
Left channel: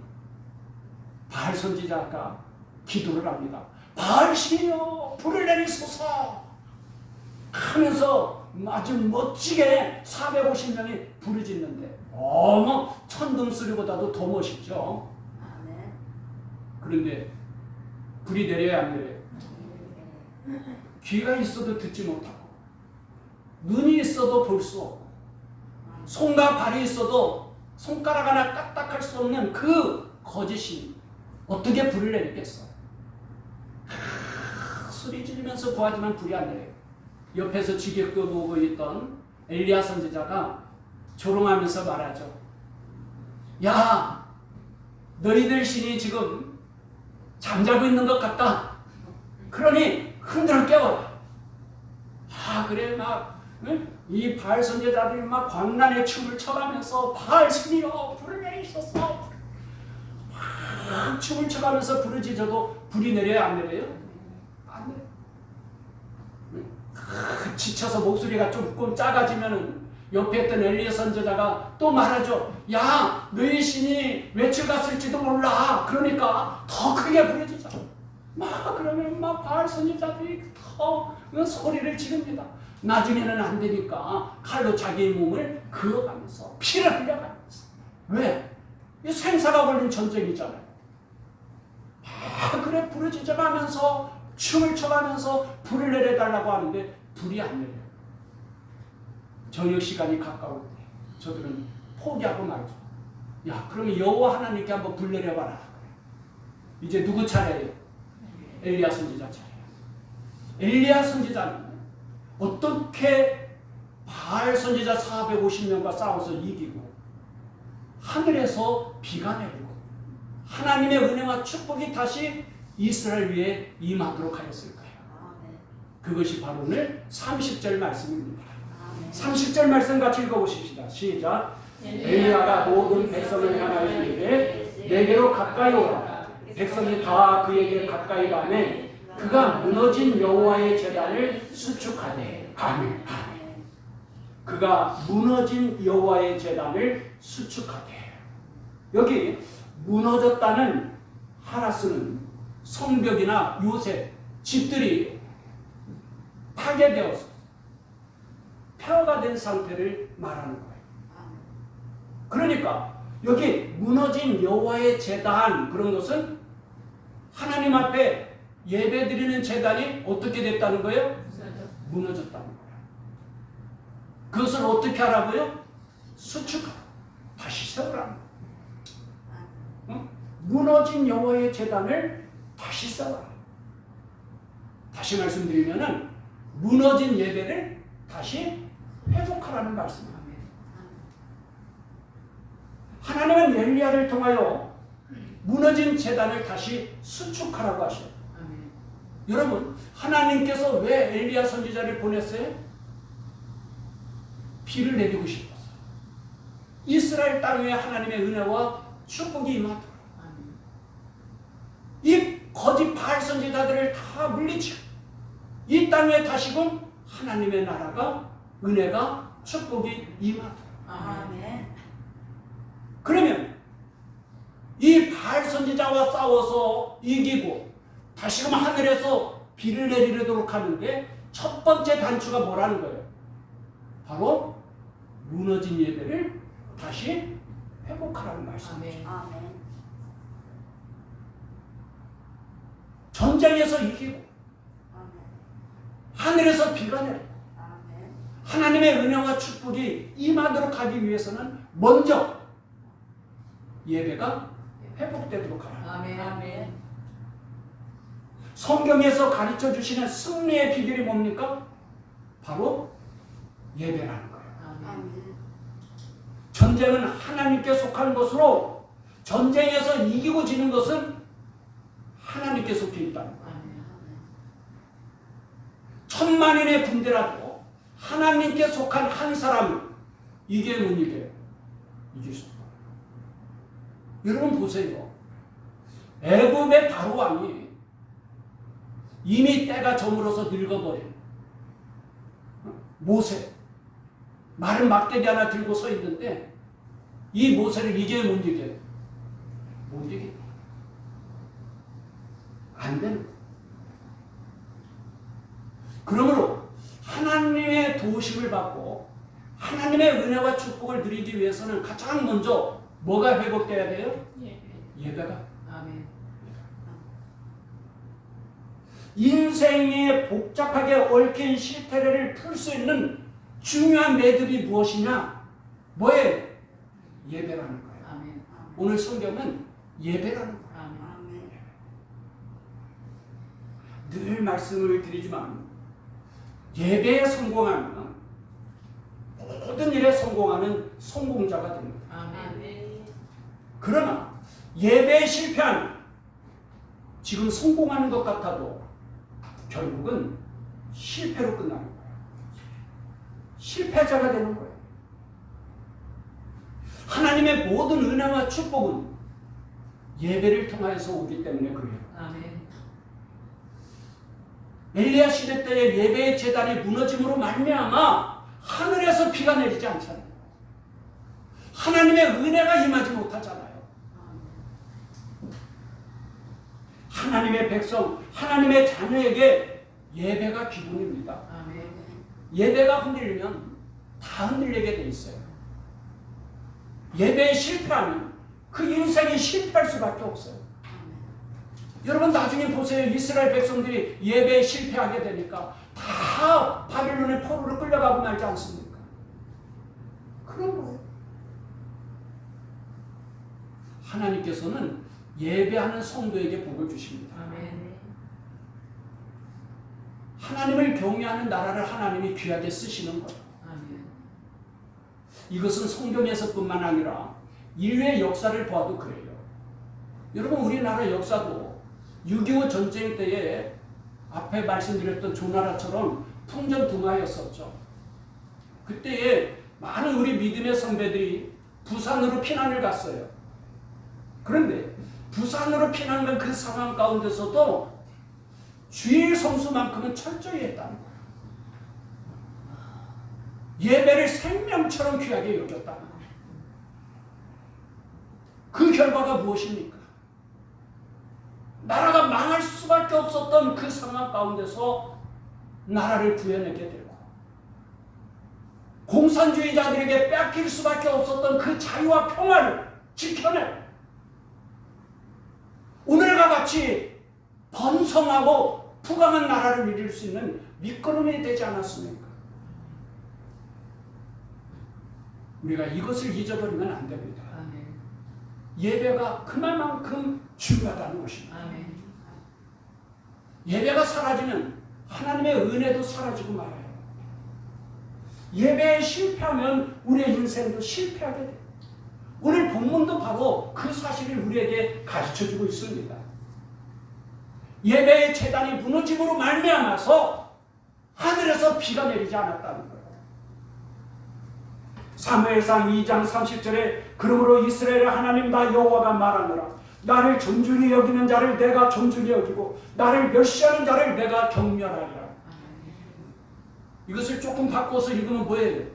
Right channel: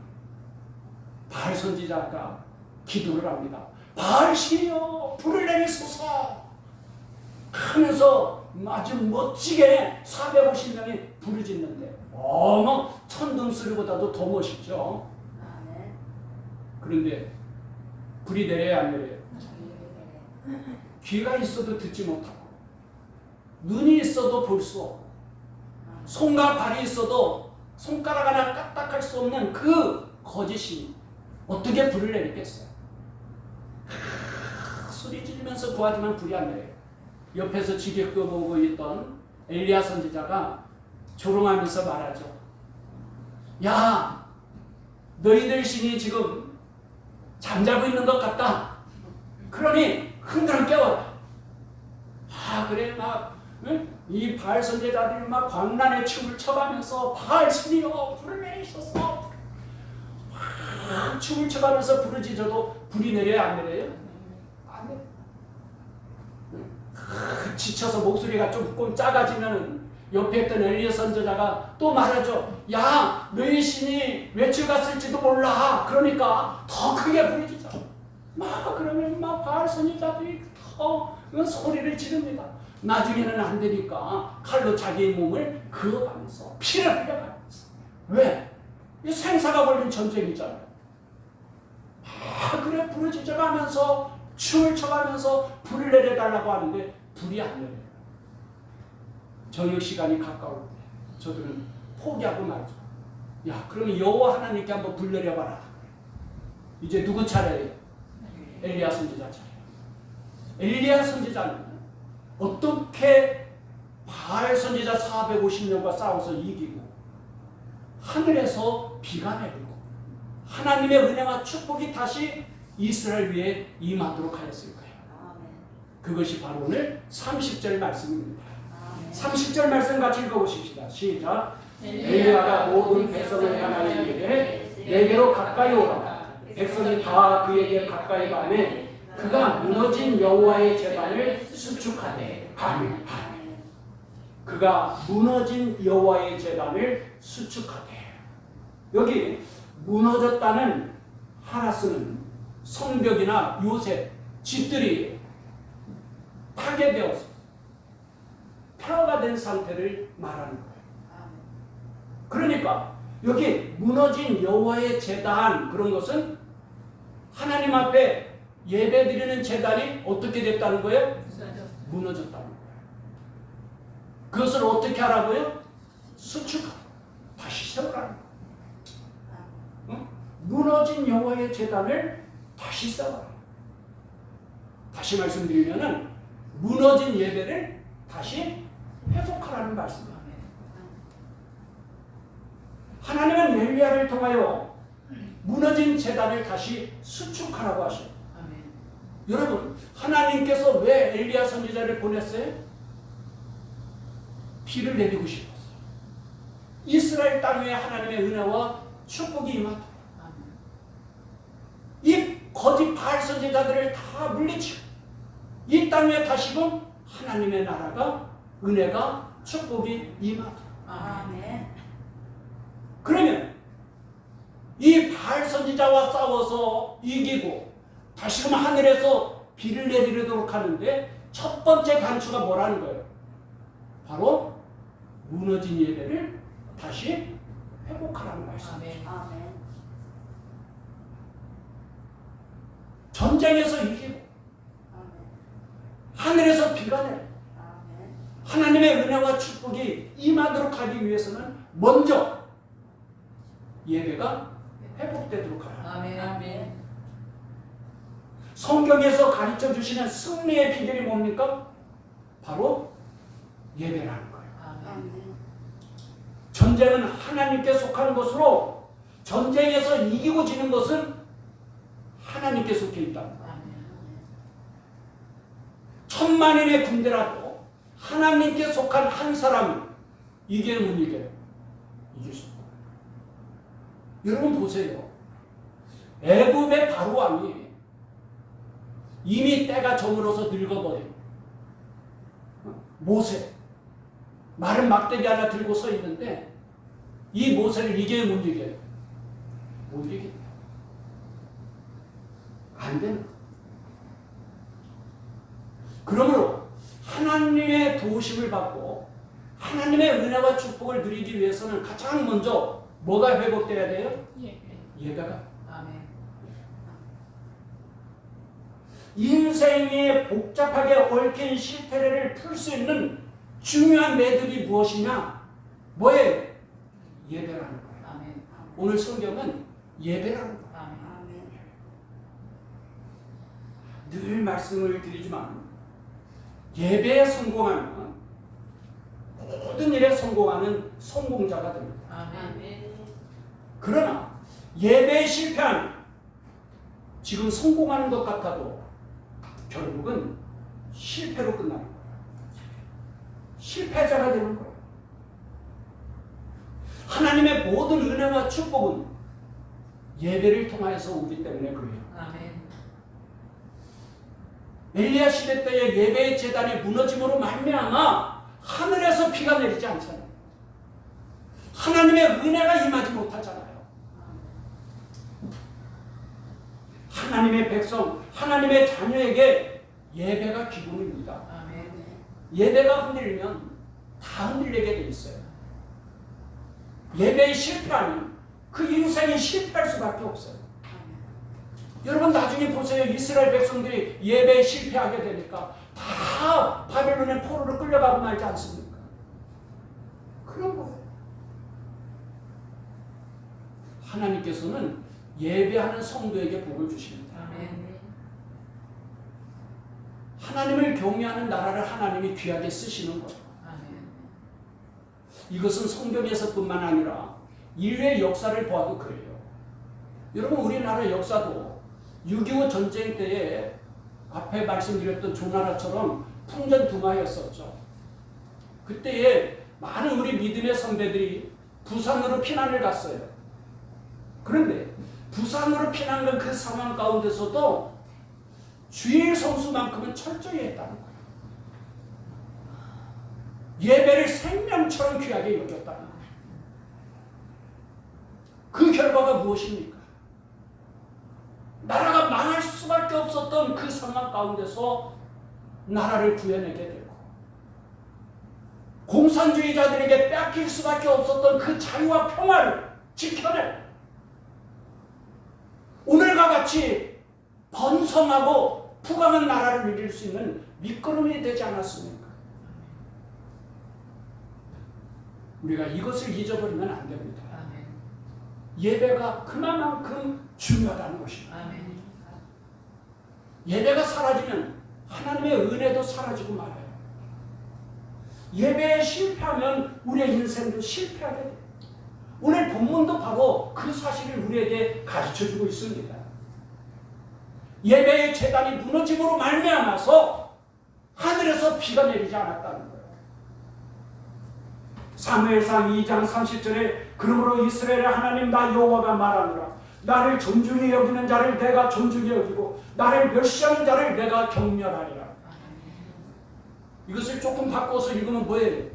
바알 선지자가 기도를 합니다. 바알 신이여 불을 내리소서 하면서 아주 멋지게 450명이 부르짖는데 어머 천둥소리보다도 더 멋있죠. 그런데 불이 내려야 안 내려요? 귀가 있어도 듣지 못하고 눈이 있어도 볼 수 없고 손과 발이 있어도 손가락 하나 까딱할 수 없는 그 거짓이 어떻게 불을 내리겠어요? 소리 지르면서 구하지만 불이 안 내려요. 옆에서 지게끄고 있던 엘리야 선지자가 조롱하면서 말하죠. 야, 너희들 신이 지금 잠자고 있는 것 같다. 그러니 흔들어 깨워라. 그래 이 바알 선지자들이 막 광란의 춤을 춰가면서 바알 신이여 불을 내리소서 막 춤을 춰가면서 부르짖어도 불이 내려요 안 내려요? 안 내려요. 지쳐서 목소리가 조금 작아지면은 옆에 있던 엘리야 선지자가 또 말하죠. 야, 너희 신이 외출 갔을지도 몰라. 그러니까 더 크게 부르짖어. 그러면 바알 선지자들이 소리를 지릅니다. 나중에는 안 되니까 칼로 자기의 몸을 그어가면서 피를 흘려가면서. 왜? 이 생사가 걸린 전쟁이잖아요. 그래 부르짖어가면서 춤을 춰가면서 불을 내려달라고 하는데 불이 안 내려요. 저녁 시간이 가까울 때 저들은 포기하고 말죠. 야, 그러면 여호와 하나님께 한번 불 내려봐라. 이제 누구 차례예요? 엘리야 선지자 차례예요. 엘리야 선지자는 어떻게 바알 선지자 450명과 싸워서 이기고 하늘에서 비가 내리고 하나님의 은혜와 축복이 다시 이스라엘 위에 임하도록 하였을까요? 그것이 바로 오늘 30절 말씀입니다. 30절 말씀 같이 읽어보십시다. 시작. 엘리야가 모든 백성을 향하여 이르되 내게로 가까이 오라. 백성이 다 그에게 가까이 가매 그가 무너진 여호와의 제단을 수축하되. 아멘. 그가 무너진 여호와의 제단을 수축하되. 여기 무너졌다는 하나스는 성벽이나 요새 집들이 파괴되어서 폐허가 된 상태를 말하는 거예요. 그러니까 여기 무너진 여호와의 제단, 그런 것은 하나님 앞에 예배드리는 제단이 어떻게 됐다는 거예요? 무너졌다는 거예요. 그것을 어떻게 하라고요? 수축하고 다시 세우라는 거예요. 무너진 여호와의 제단을 다시 세워라. 다시 말씀드리면은 무너진 예배를 다시 회복하라는 말씀입니다. 하나님은 엘리야를 통하여 무너진 제단을 다시 수축하라고 하셔요. 여러분, 하나님께서 왜 엘리야 선지자를 보냈어요? 비를 내리고 싶어서. 이스라엘 땅 위에 하나님의 은혜와 축복이 임하도록. 이 거짓 바알 선지자들을 다 물리치고 이 땅에 다시금 하나님의 나라가, 은혜가, 축복이 임하도록. 아멘. 그러면 이 바알 선지자와 싸워서 이기고 다시금 하늘에서 비를 내리도록 하는데 첫 번째 단추가 뭐라는 거예요? 바로 무너진 예배를 다시 회복하라는 말씀이죠. 아멘. 전쟁에서 이기고 하늘에서 비가 내리고 아멘. 하나님의 은혜와 축복이 임하도록 하기 위해서는 먼저 예배가 회복되도록 하라. 아멘. 성경에서 가르쳐 주시는 승리의 비결이 뭡니까? 바로 예배라는 거예요. 아멘. 전쟁은 하나님께 속한 것으로 전쟁에서 이기고 지는 것은 하나님께 속해 있다는 거예요. 천만인의 군대라도 하나님께 속한 한 사람이 이게 못 이겨요. 이길 수 없다. 여러분 보세요. 애굽의 바로 왕이 이미 때가 저물어서 늙어버린 모세, 마른 막대기 하나 들고 서 있는데 이 모세를 이겨요, 못 이겨요? 못 이겨요. 안 되는 거예요. 그러므로 하나님의 도우심을 받고 하나님의 은혜와 축복을 누리기 위해서는 가장 먼저 뭐가 회복돼야 돼요? 예배가. 아멘. 인생에 복잡하게 얽힌 실태를 풀 수 있는 중요한 매듭이 무엇이냐? 뭐예요? 예배라는 거예요. 아멘. 오늘 성경은 예배라는 거예요. 아멘. 늘 말씀을 드리지만 예배에 성공하면 모든 일에 성공하는 성공자가 됩니다. 아멘. 그러나 예배에 실패하면 지금 성공하는 것 같아도 결국은 실패로 끝나는 거예요. 실패자가 되는 거예요. 하나님의 모든 은혜와 축복은 예배를 통하여서 오기 때문에 그래요. 아멘. 엘리야 시대 때의 예배의 제단이 무너짐으로 말미암아 하늘에서 비가 내리지 않잖아요. 하나님의 은혜가 임하지 못하잖아요. 하나님의 백성, 하나님의 자녀에게 예배가 기본입니다. 아멘. 예배가 흔들리면 다 흔들리게 돼 있어요. 예배에 실패하면 그 인생이 실패할 수밖에 없어요. 여러분 나중에 보세요. 이스라엘 백성들이 예배에 실패하게 되니까 다 바벨론의 포로로 끌려가고 말지 않습니까? 그런 거예요. 하나님께서는 예배하는 성도에게 복을 주십니다. 아멘. 하나님을 경외하는 나라를 하나님이 귀하게 쓰시는 거예요. 아멘. 이것은 성경에서뿐만 아니라 인류의 역사를 보아도 그래요. 여러분 우리나라 역사도 6.25 전쟁 때에 앞에 말씀드렸던 조나라처럼 풍전등화였었죠. 그때에 많은 우리 믿음의 선배들이 부산으로 피난을 갔어요. 그런데 부산으로 피난간 그 상황 가운데서도 주일 성수만큼은 철저히 했다는 거예요. 예배를 생명처럼 귀하게 여겼다는 거예요. 그 결과가 무엇입니까? 나라가 망할 수밖에 없었던 그 상황 가운데서 나라를 구해내게 되고 공산주의자들에게 뺏길 수밖에 없었던 그 자유와 평화를 지켜내 오늘과 같이 번성하고 부강한 나라를 이룰 수 있는 밑거름이 되지 않았습니까? 우리가 이것을 잊어버리면 안 됩니다. 아멘. 예배가 그만큼 중요하다는 것입니다. 아멘. 예배가 사라지면 하나님의 은혜도 사라지고 말아요. 예배에 실패하면 우리의 인생도 실패하게 돼요. 오늘 본문도 바로 그 사실을 우리에게 가르쳐주고 있습니다. 예배의 제단이 무너짐으로 말미암아서 하늘에서 비가 내리지 않았다는 거예요. 사무엘상 2장 30절에 그러므로 이스라엘의 하나님 나 여호와가 말하노라 나를 존중히 여기는 자를 내가 존중히 여기고 나를 멸시하는 자를 내가 경멸하리라. 이것을 조금 바꿔서 읽으면 뭐예요?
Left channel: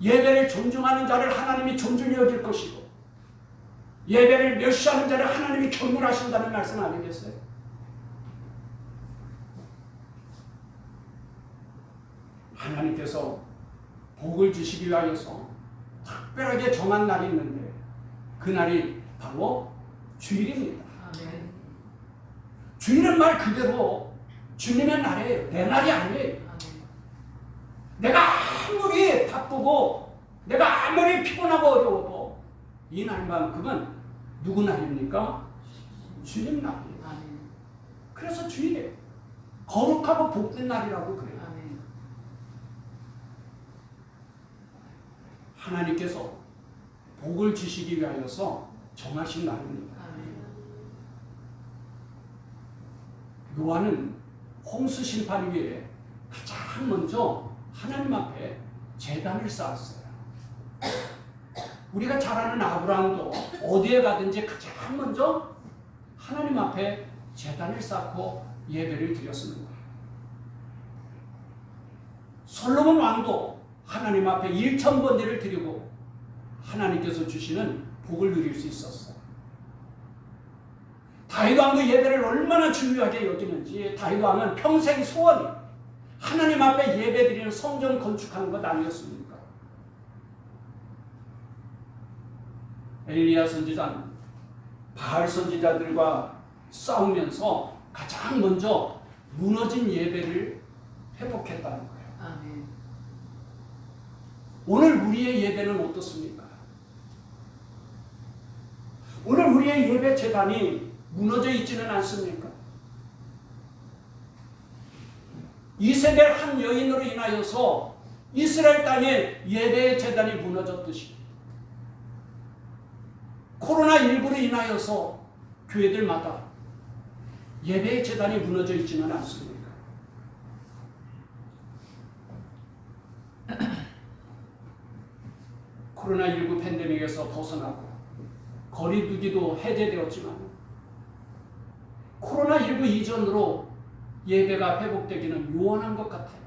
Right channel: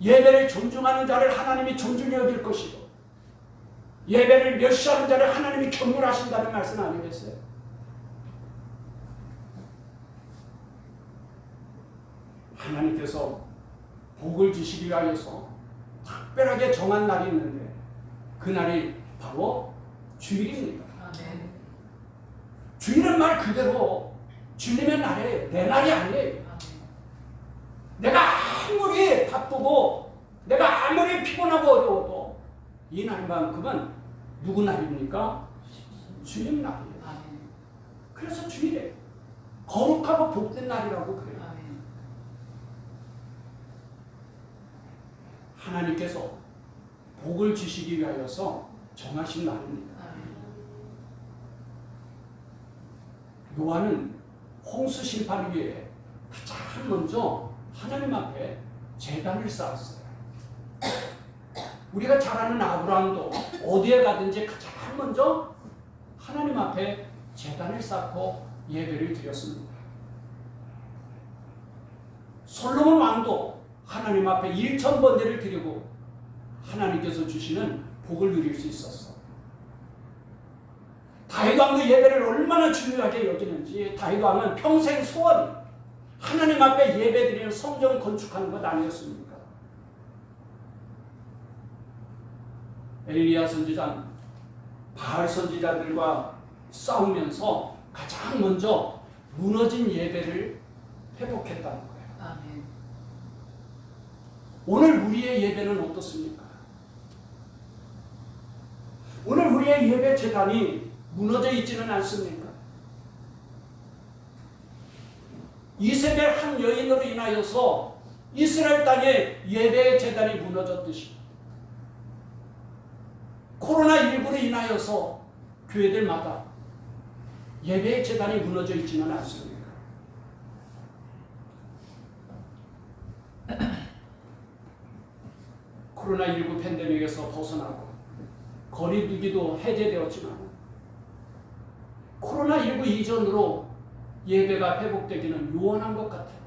예배를 존중하는 자를 하나님이 존중히 여길 것이고 예배를 멸시하는 자를 하나님이 경멸하신다는 말씀 아니겠어요? 하나님께서 복을 주시기 위하여서 특별하게 정한 날이 있는데 그 날이 바로 주일입니다. 아멘. 주일은 말 그대로 주님의 날이에요. 내 날이 아니에요. 아멘. 내가 아무리 바쁘고 내가 아무리 피곤하고 어려워도 이 날만큼은 누구 날입니까? 주님 날이에요. 아멘. 그래서 주일에 거룩하고 복된 날이라고 그래요. 아멘. 하나님께서 복을 주시기 위하여서 정하신 날입니다. 아멘. 노아는 홍수 심판 위에 가장 먼저 하나님 앞에 제단을 쌓았어요. 우리가 잘 아는 아브라함도 어디에 가든지 가장 먼저 하나님 앞에 제단을 쌓고 예배를 드렸습니다. 솔로몬 왕도 하나님 앞에 1,000번제를 드리고 하나님께서 주시는 복을 누릴 수 있었어. 다윗 왕도 예배를 얼마나 중요하게 여기는지 다윗 왕은 평생 소원이 하나님 앞에 예배 드리는 성전 건축하는 것 아니었습니까? 엘리야 선지자는 바알 선지자들과 싸우면서 가장 먼저 무너진 예배를 회복했다는 거예요. 아멘. 오늘 우리의 예배는 어떻습니까? 오늘 우리의 예배 제단이 무너져 있지는 않습니까? 이세벨 한 여인으로 인하여서 이스라엘 땅에 예배의 제단이 무너졌듯이 코로나19로 인하여서 교회들마다 예배의 제단이 무너져 있지는 않습니까? 코로나19 팬데믹에서 벗어나고 거리두기도 해제되었지만 코로나19 이전으로 예배가 회복되기는 요원한 것 같아요.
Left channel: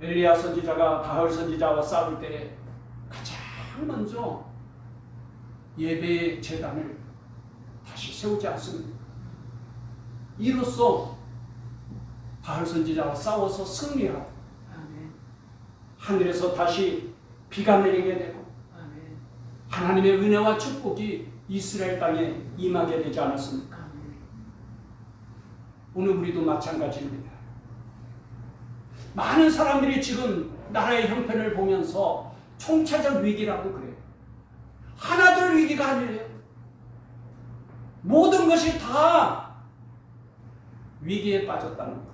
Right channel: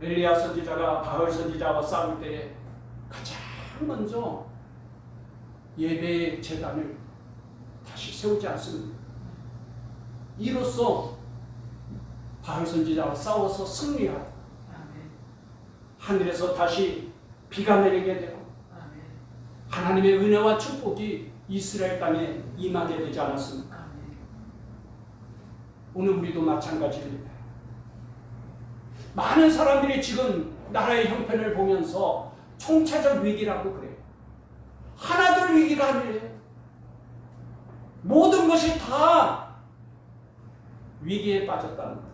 엘리야 선지자가 바알 선지자와 싸울 때 가장 먼저 예배의 제단을 다시 세우지 않습니다. 이로써 바알 선지자와 싸워서 승리하고 하늘에서 다시 비가 내리게 되고 하나님의 은혜와 축복이 이스라엘 땅에 임하게 되지 않았습니까? 오늘 우리도 마찬가지입니다. 많은 사람들이 지금 나라의 형편을 보면서 총체적 위기라고 그래요. 하나둘 위기가 아니에요. 모든 것이 다 위기에 빠졌다는 거예요.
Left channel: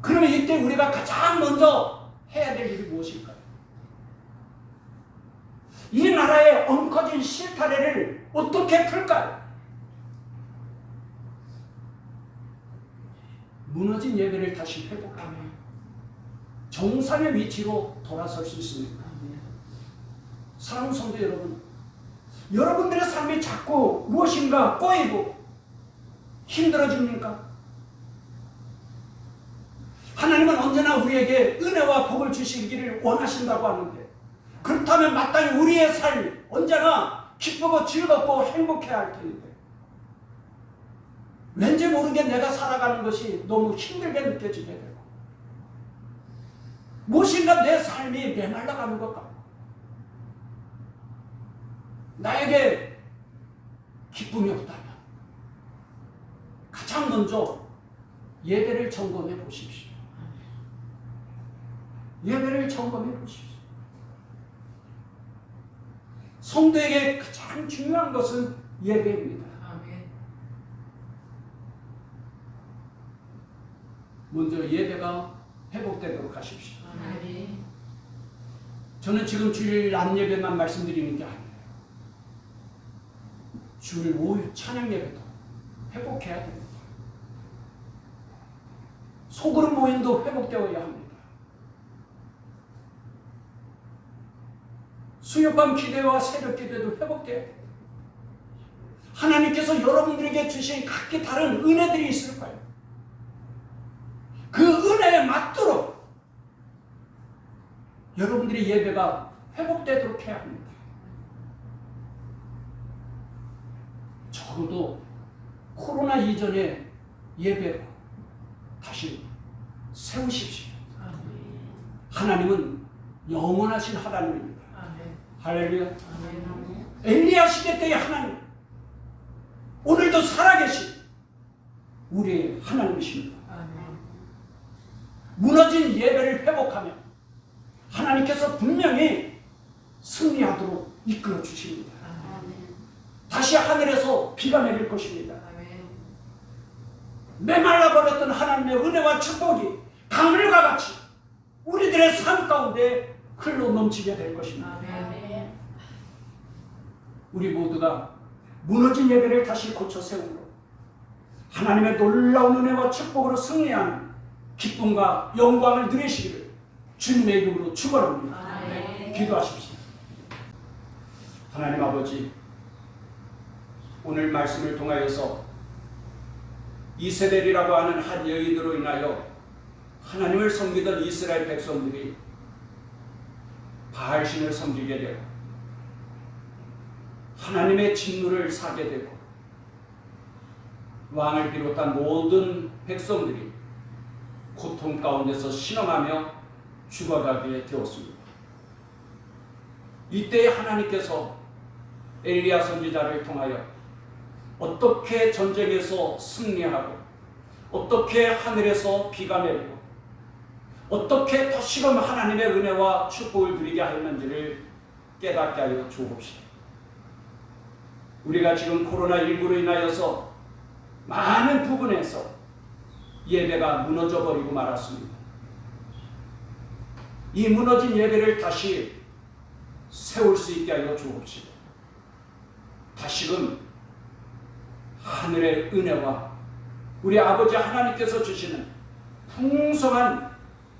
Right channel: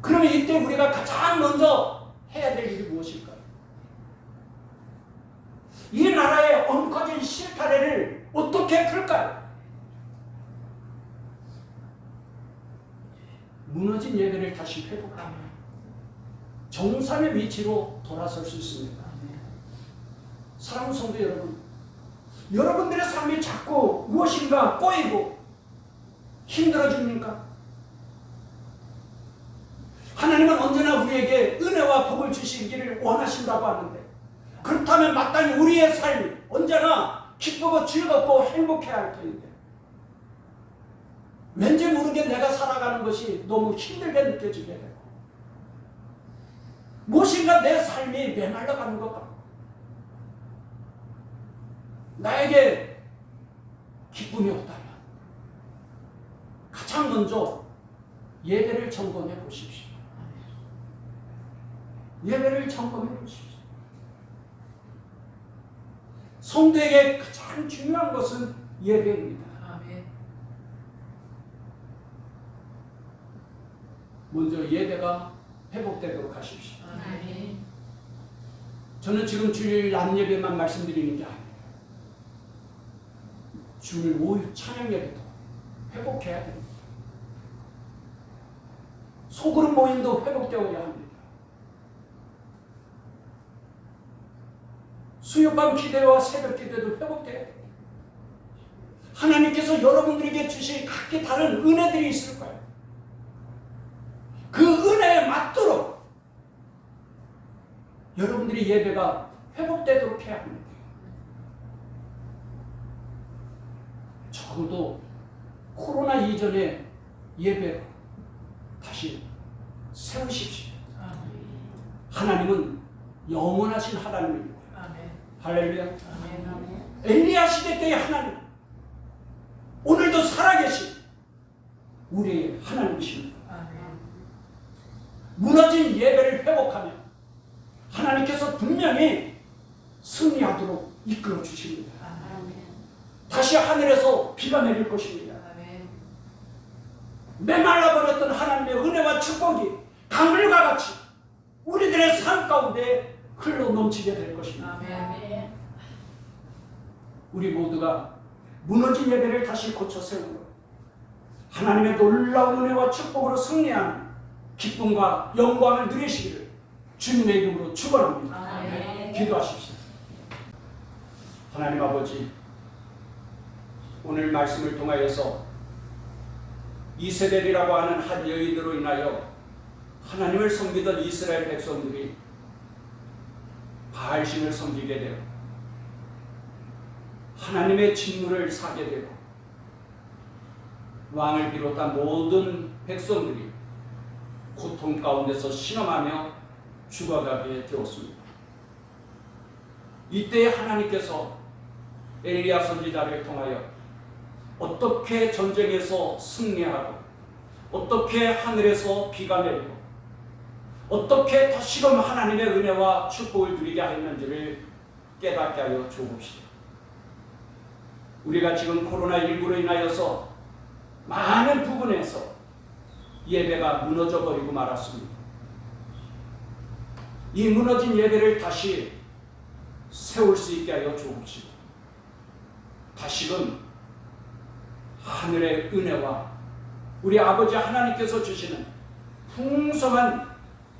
그러면 이때 우리가 가장 먼저 해야 될 일이 무엇일까요? 이 나라의 엉커진 실타래를 어떻게 풀까요? 무너진 예배를 다시 회복하며 정상의 위치로 돌아설 수 있습니다. 사랑하는 성도 여러분, 여러분들의 삶이 자꾸 무엇인가 꼬이고 힘들어집니까? 하나님은 언제나 우리에게 은혜와 복을 주시기를 원하신다고 하는데, 그렇다면 마땅히 우리의 삶이 언제나 기쁘고 즐겁고 행복해야 할 텐데, 왠지 모르게 내가 살아가는 것이 너무 힘들게 느껴지게 되고 무엇인가 내 삶이 메말라가는 것 같고 나에게 기쁨이 없다면 가장 먼저 예배를 점검해 보십시오. 예배를 점검해 보십시오. 성도에게 가장 중요한 것은 예배입니다. 먼저 예배가 회복되도록 하십시오. 저는 지금 주일 낮 예배만 말씀드리는 게 아니에요. 주일 오후 찬양 예배도 회복해야 됩니다. 소그룹 모임도 회복되어야 합니다. 수요밤 기도와 새벽 기도도 회복돼야 돼요. 하나님께서 여러분들에게 주신 각기 다른 은혜들이 있을 거예요. 그 은혜에 맞도록 여러분들의 예배가 회복되도록 해야 합니다. 적어도 코로나 이전의 예배로 다시 세우십시오. 하나님은 영원하신 하나님입니다. 할렐루야. 엘리야 시대 때의 하나님, 오늘도 살아계신 우리의 하나님이십니다. 무너진 예배를 회복하며 하나님께서 분명히 승리하도록 이끌어 주십니다. 다시 하늘에서 비가 내릴 것입니다. 메말라버렸던 하나님의 은혜와 축복이 강물과 같이 우리들의 삶 가운데 흘러 넘치게 될 것입니다. 우리 모두가 무너진 예배를 다시 고쳐 세우고 하나님의 놀라운 은혜와 축복으로 승리하는 기쁨과 영광을 누리시기를 주님의 이름으로 축원합니다. 기도하십시오. 하나님 아버지, 오늘 말씀을 통하여서 이세벨이라고 하는 한 여인으로 인하여 하나님을 섬기던 이스라엘 백성들이 바알신을 섬기게 되고 하나님의 진노를 사게 되고 왕을 비롯한 모든 백성들이 고통 가운데서 신음하며 죽어가게 되었습니다. 이때 하나님께서 엘리야 선지자를 통하여 어떻게 전쟁에서 승리하고 어떻게 하늘에서 비가 내리고 어떻게 다시금 하나님의 은혜와 축복을 누리게 하였는지를 깨닫게 하여 주옵시고, 우리가 지금 코로나19로 인하여서 많은 부분에서 예배가 무너져 버리고 말았습니다. 이 무너진 예배를 다시 세울 수 있게 하여 주옵시고, 다시금 하늘의 은혜와 우리 아버지 하나님께서 주시는 풍성한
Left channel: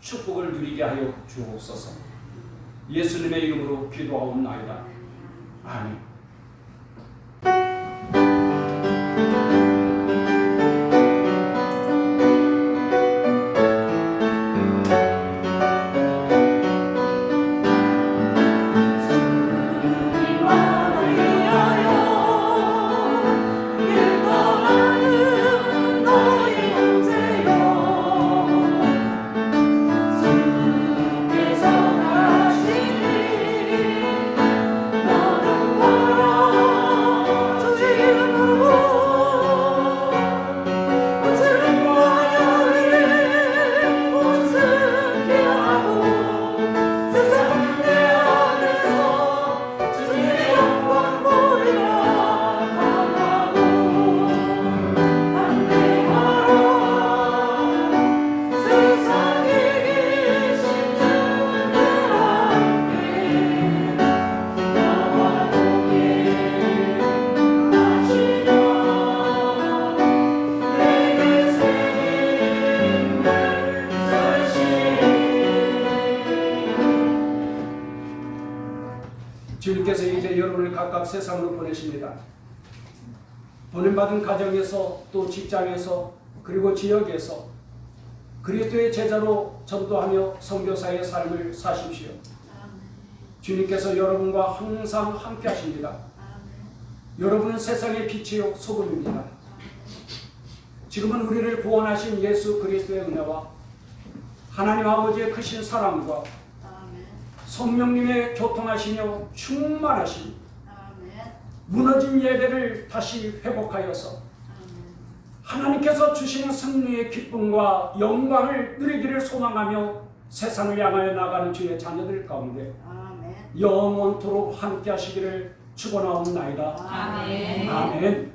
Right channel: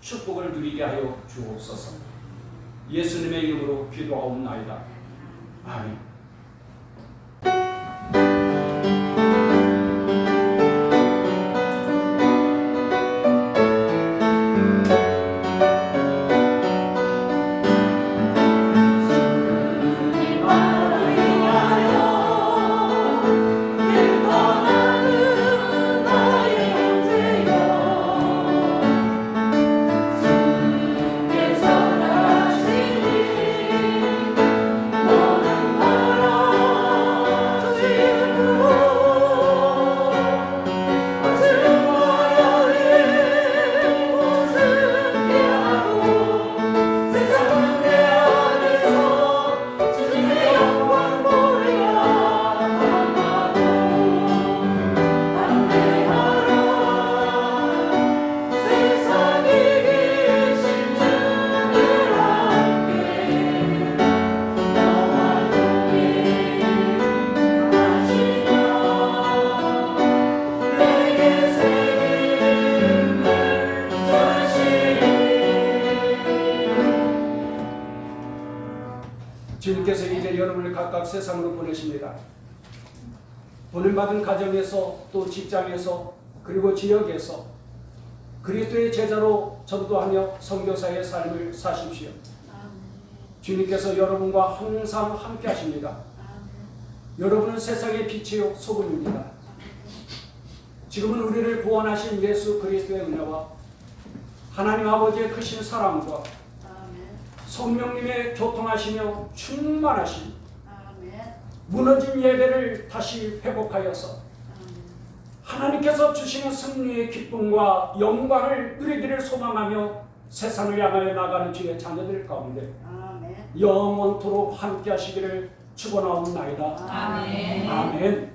축복을 누리게 하여 주옵소서. 예수님의 이름으로 기도하옵나이다. 아멘. 아 세상으로 보내십니다. 보냄받은 가정에서 또 직장에서 그리고 지역에서 그리스도의 제자로 전도하며 선교사의 삶을 사십시오. 주님께서 여러분과 항상 함께 하십니다. 여러분은 세상의 빛이요 소금입니다. 지금은 우리를 구원하신 예수 그리스도의 은혜와 하나님 아버지의 크신 사랑과 성령님의 교통하시며 충만하신 무너진 예배를 다시 회복하여서 하나님께서 주시는 승리의 기쁨과 영광을 누리기를 소망하며 세상을 향하여 나가는 주의 자녀들 가운데 영원토록 함께 하시기를 축원하옵나이다. 아멘. 아멘.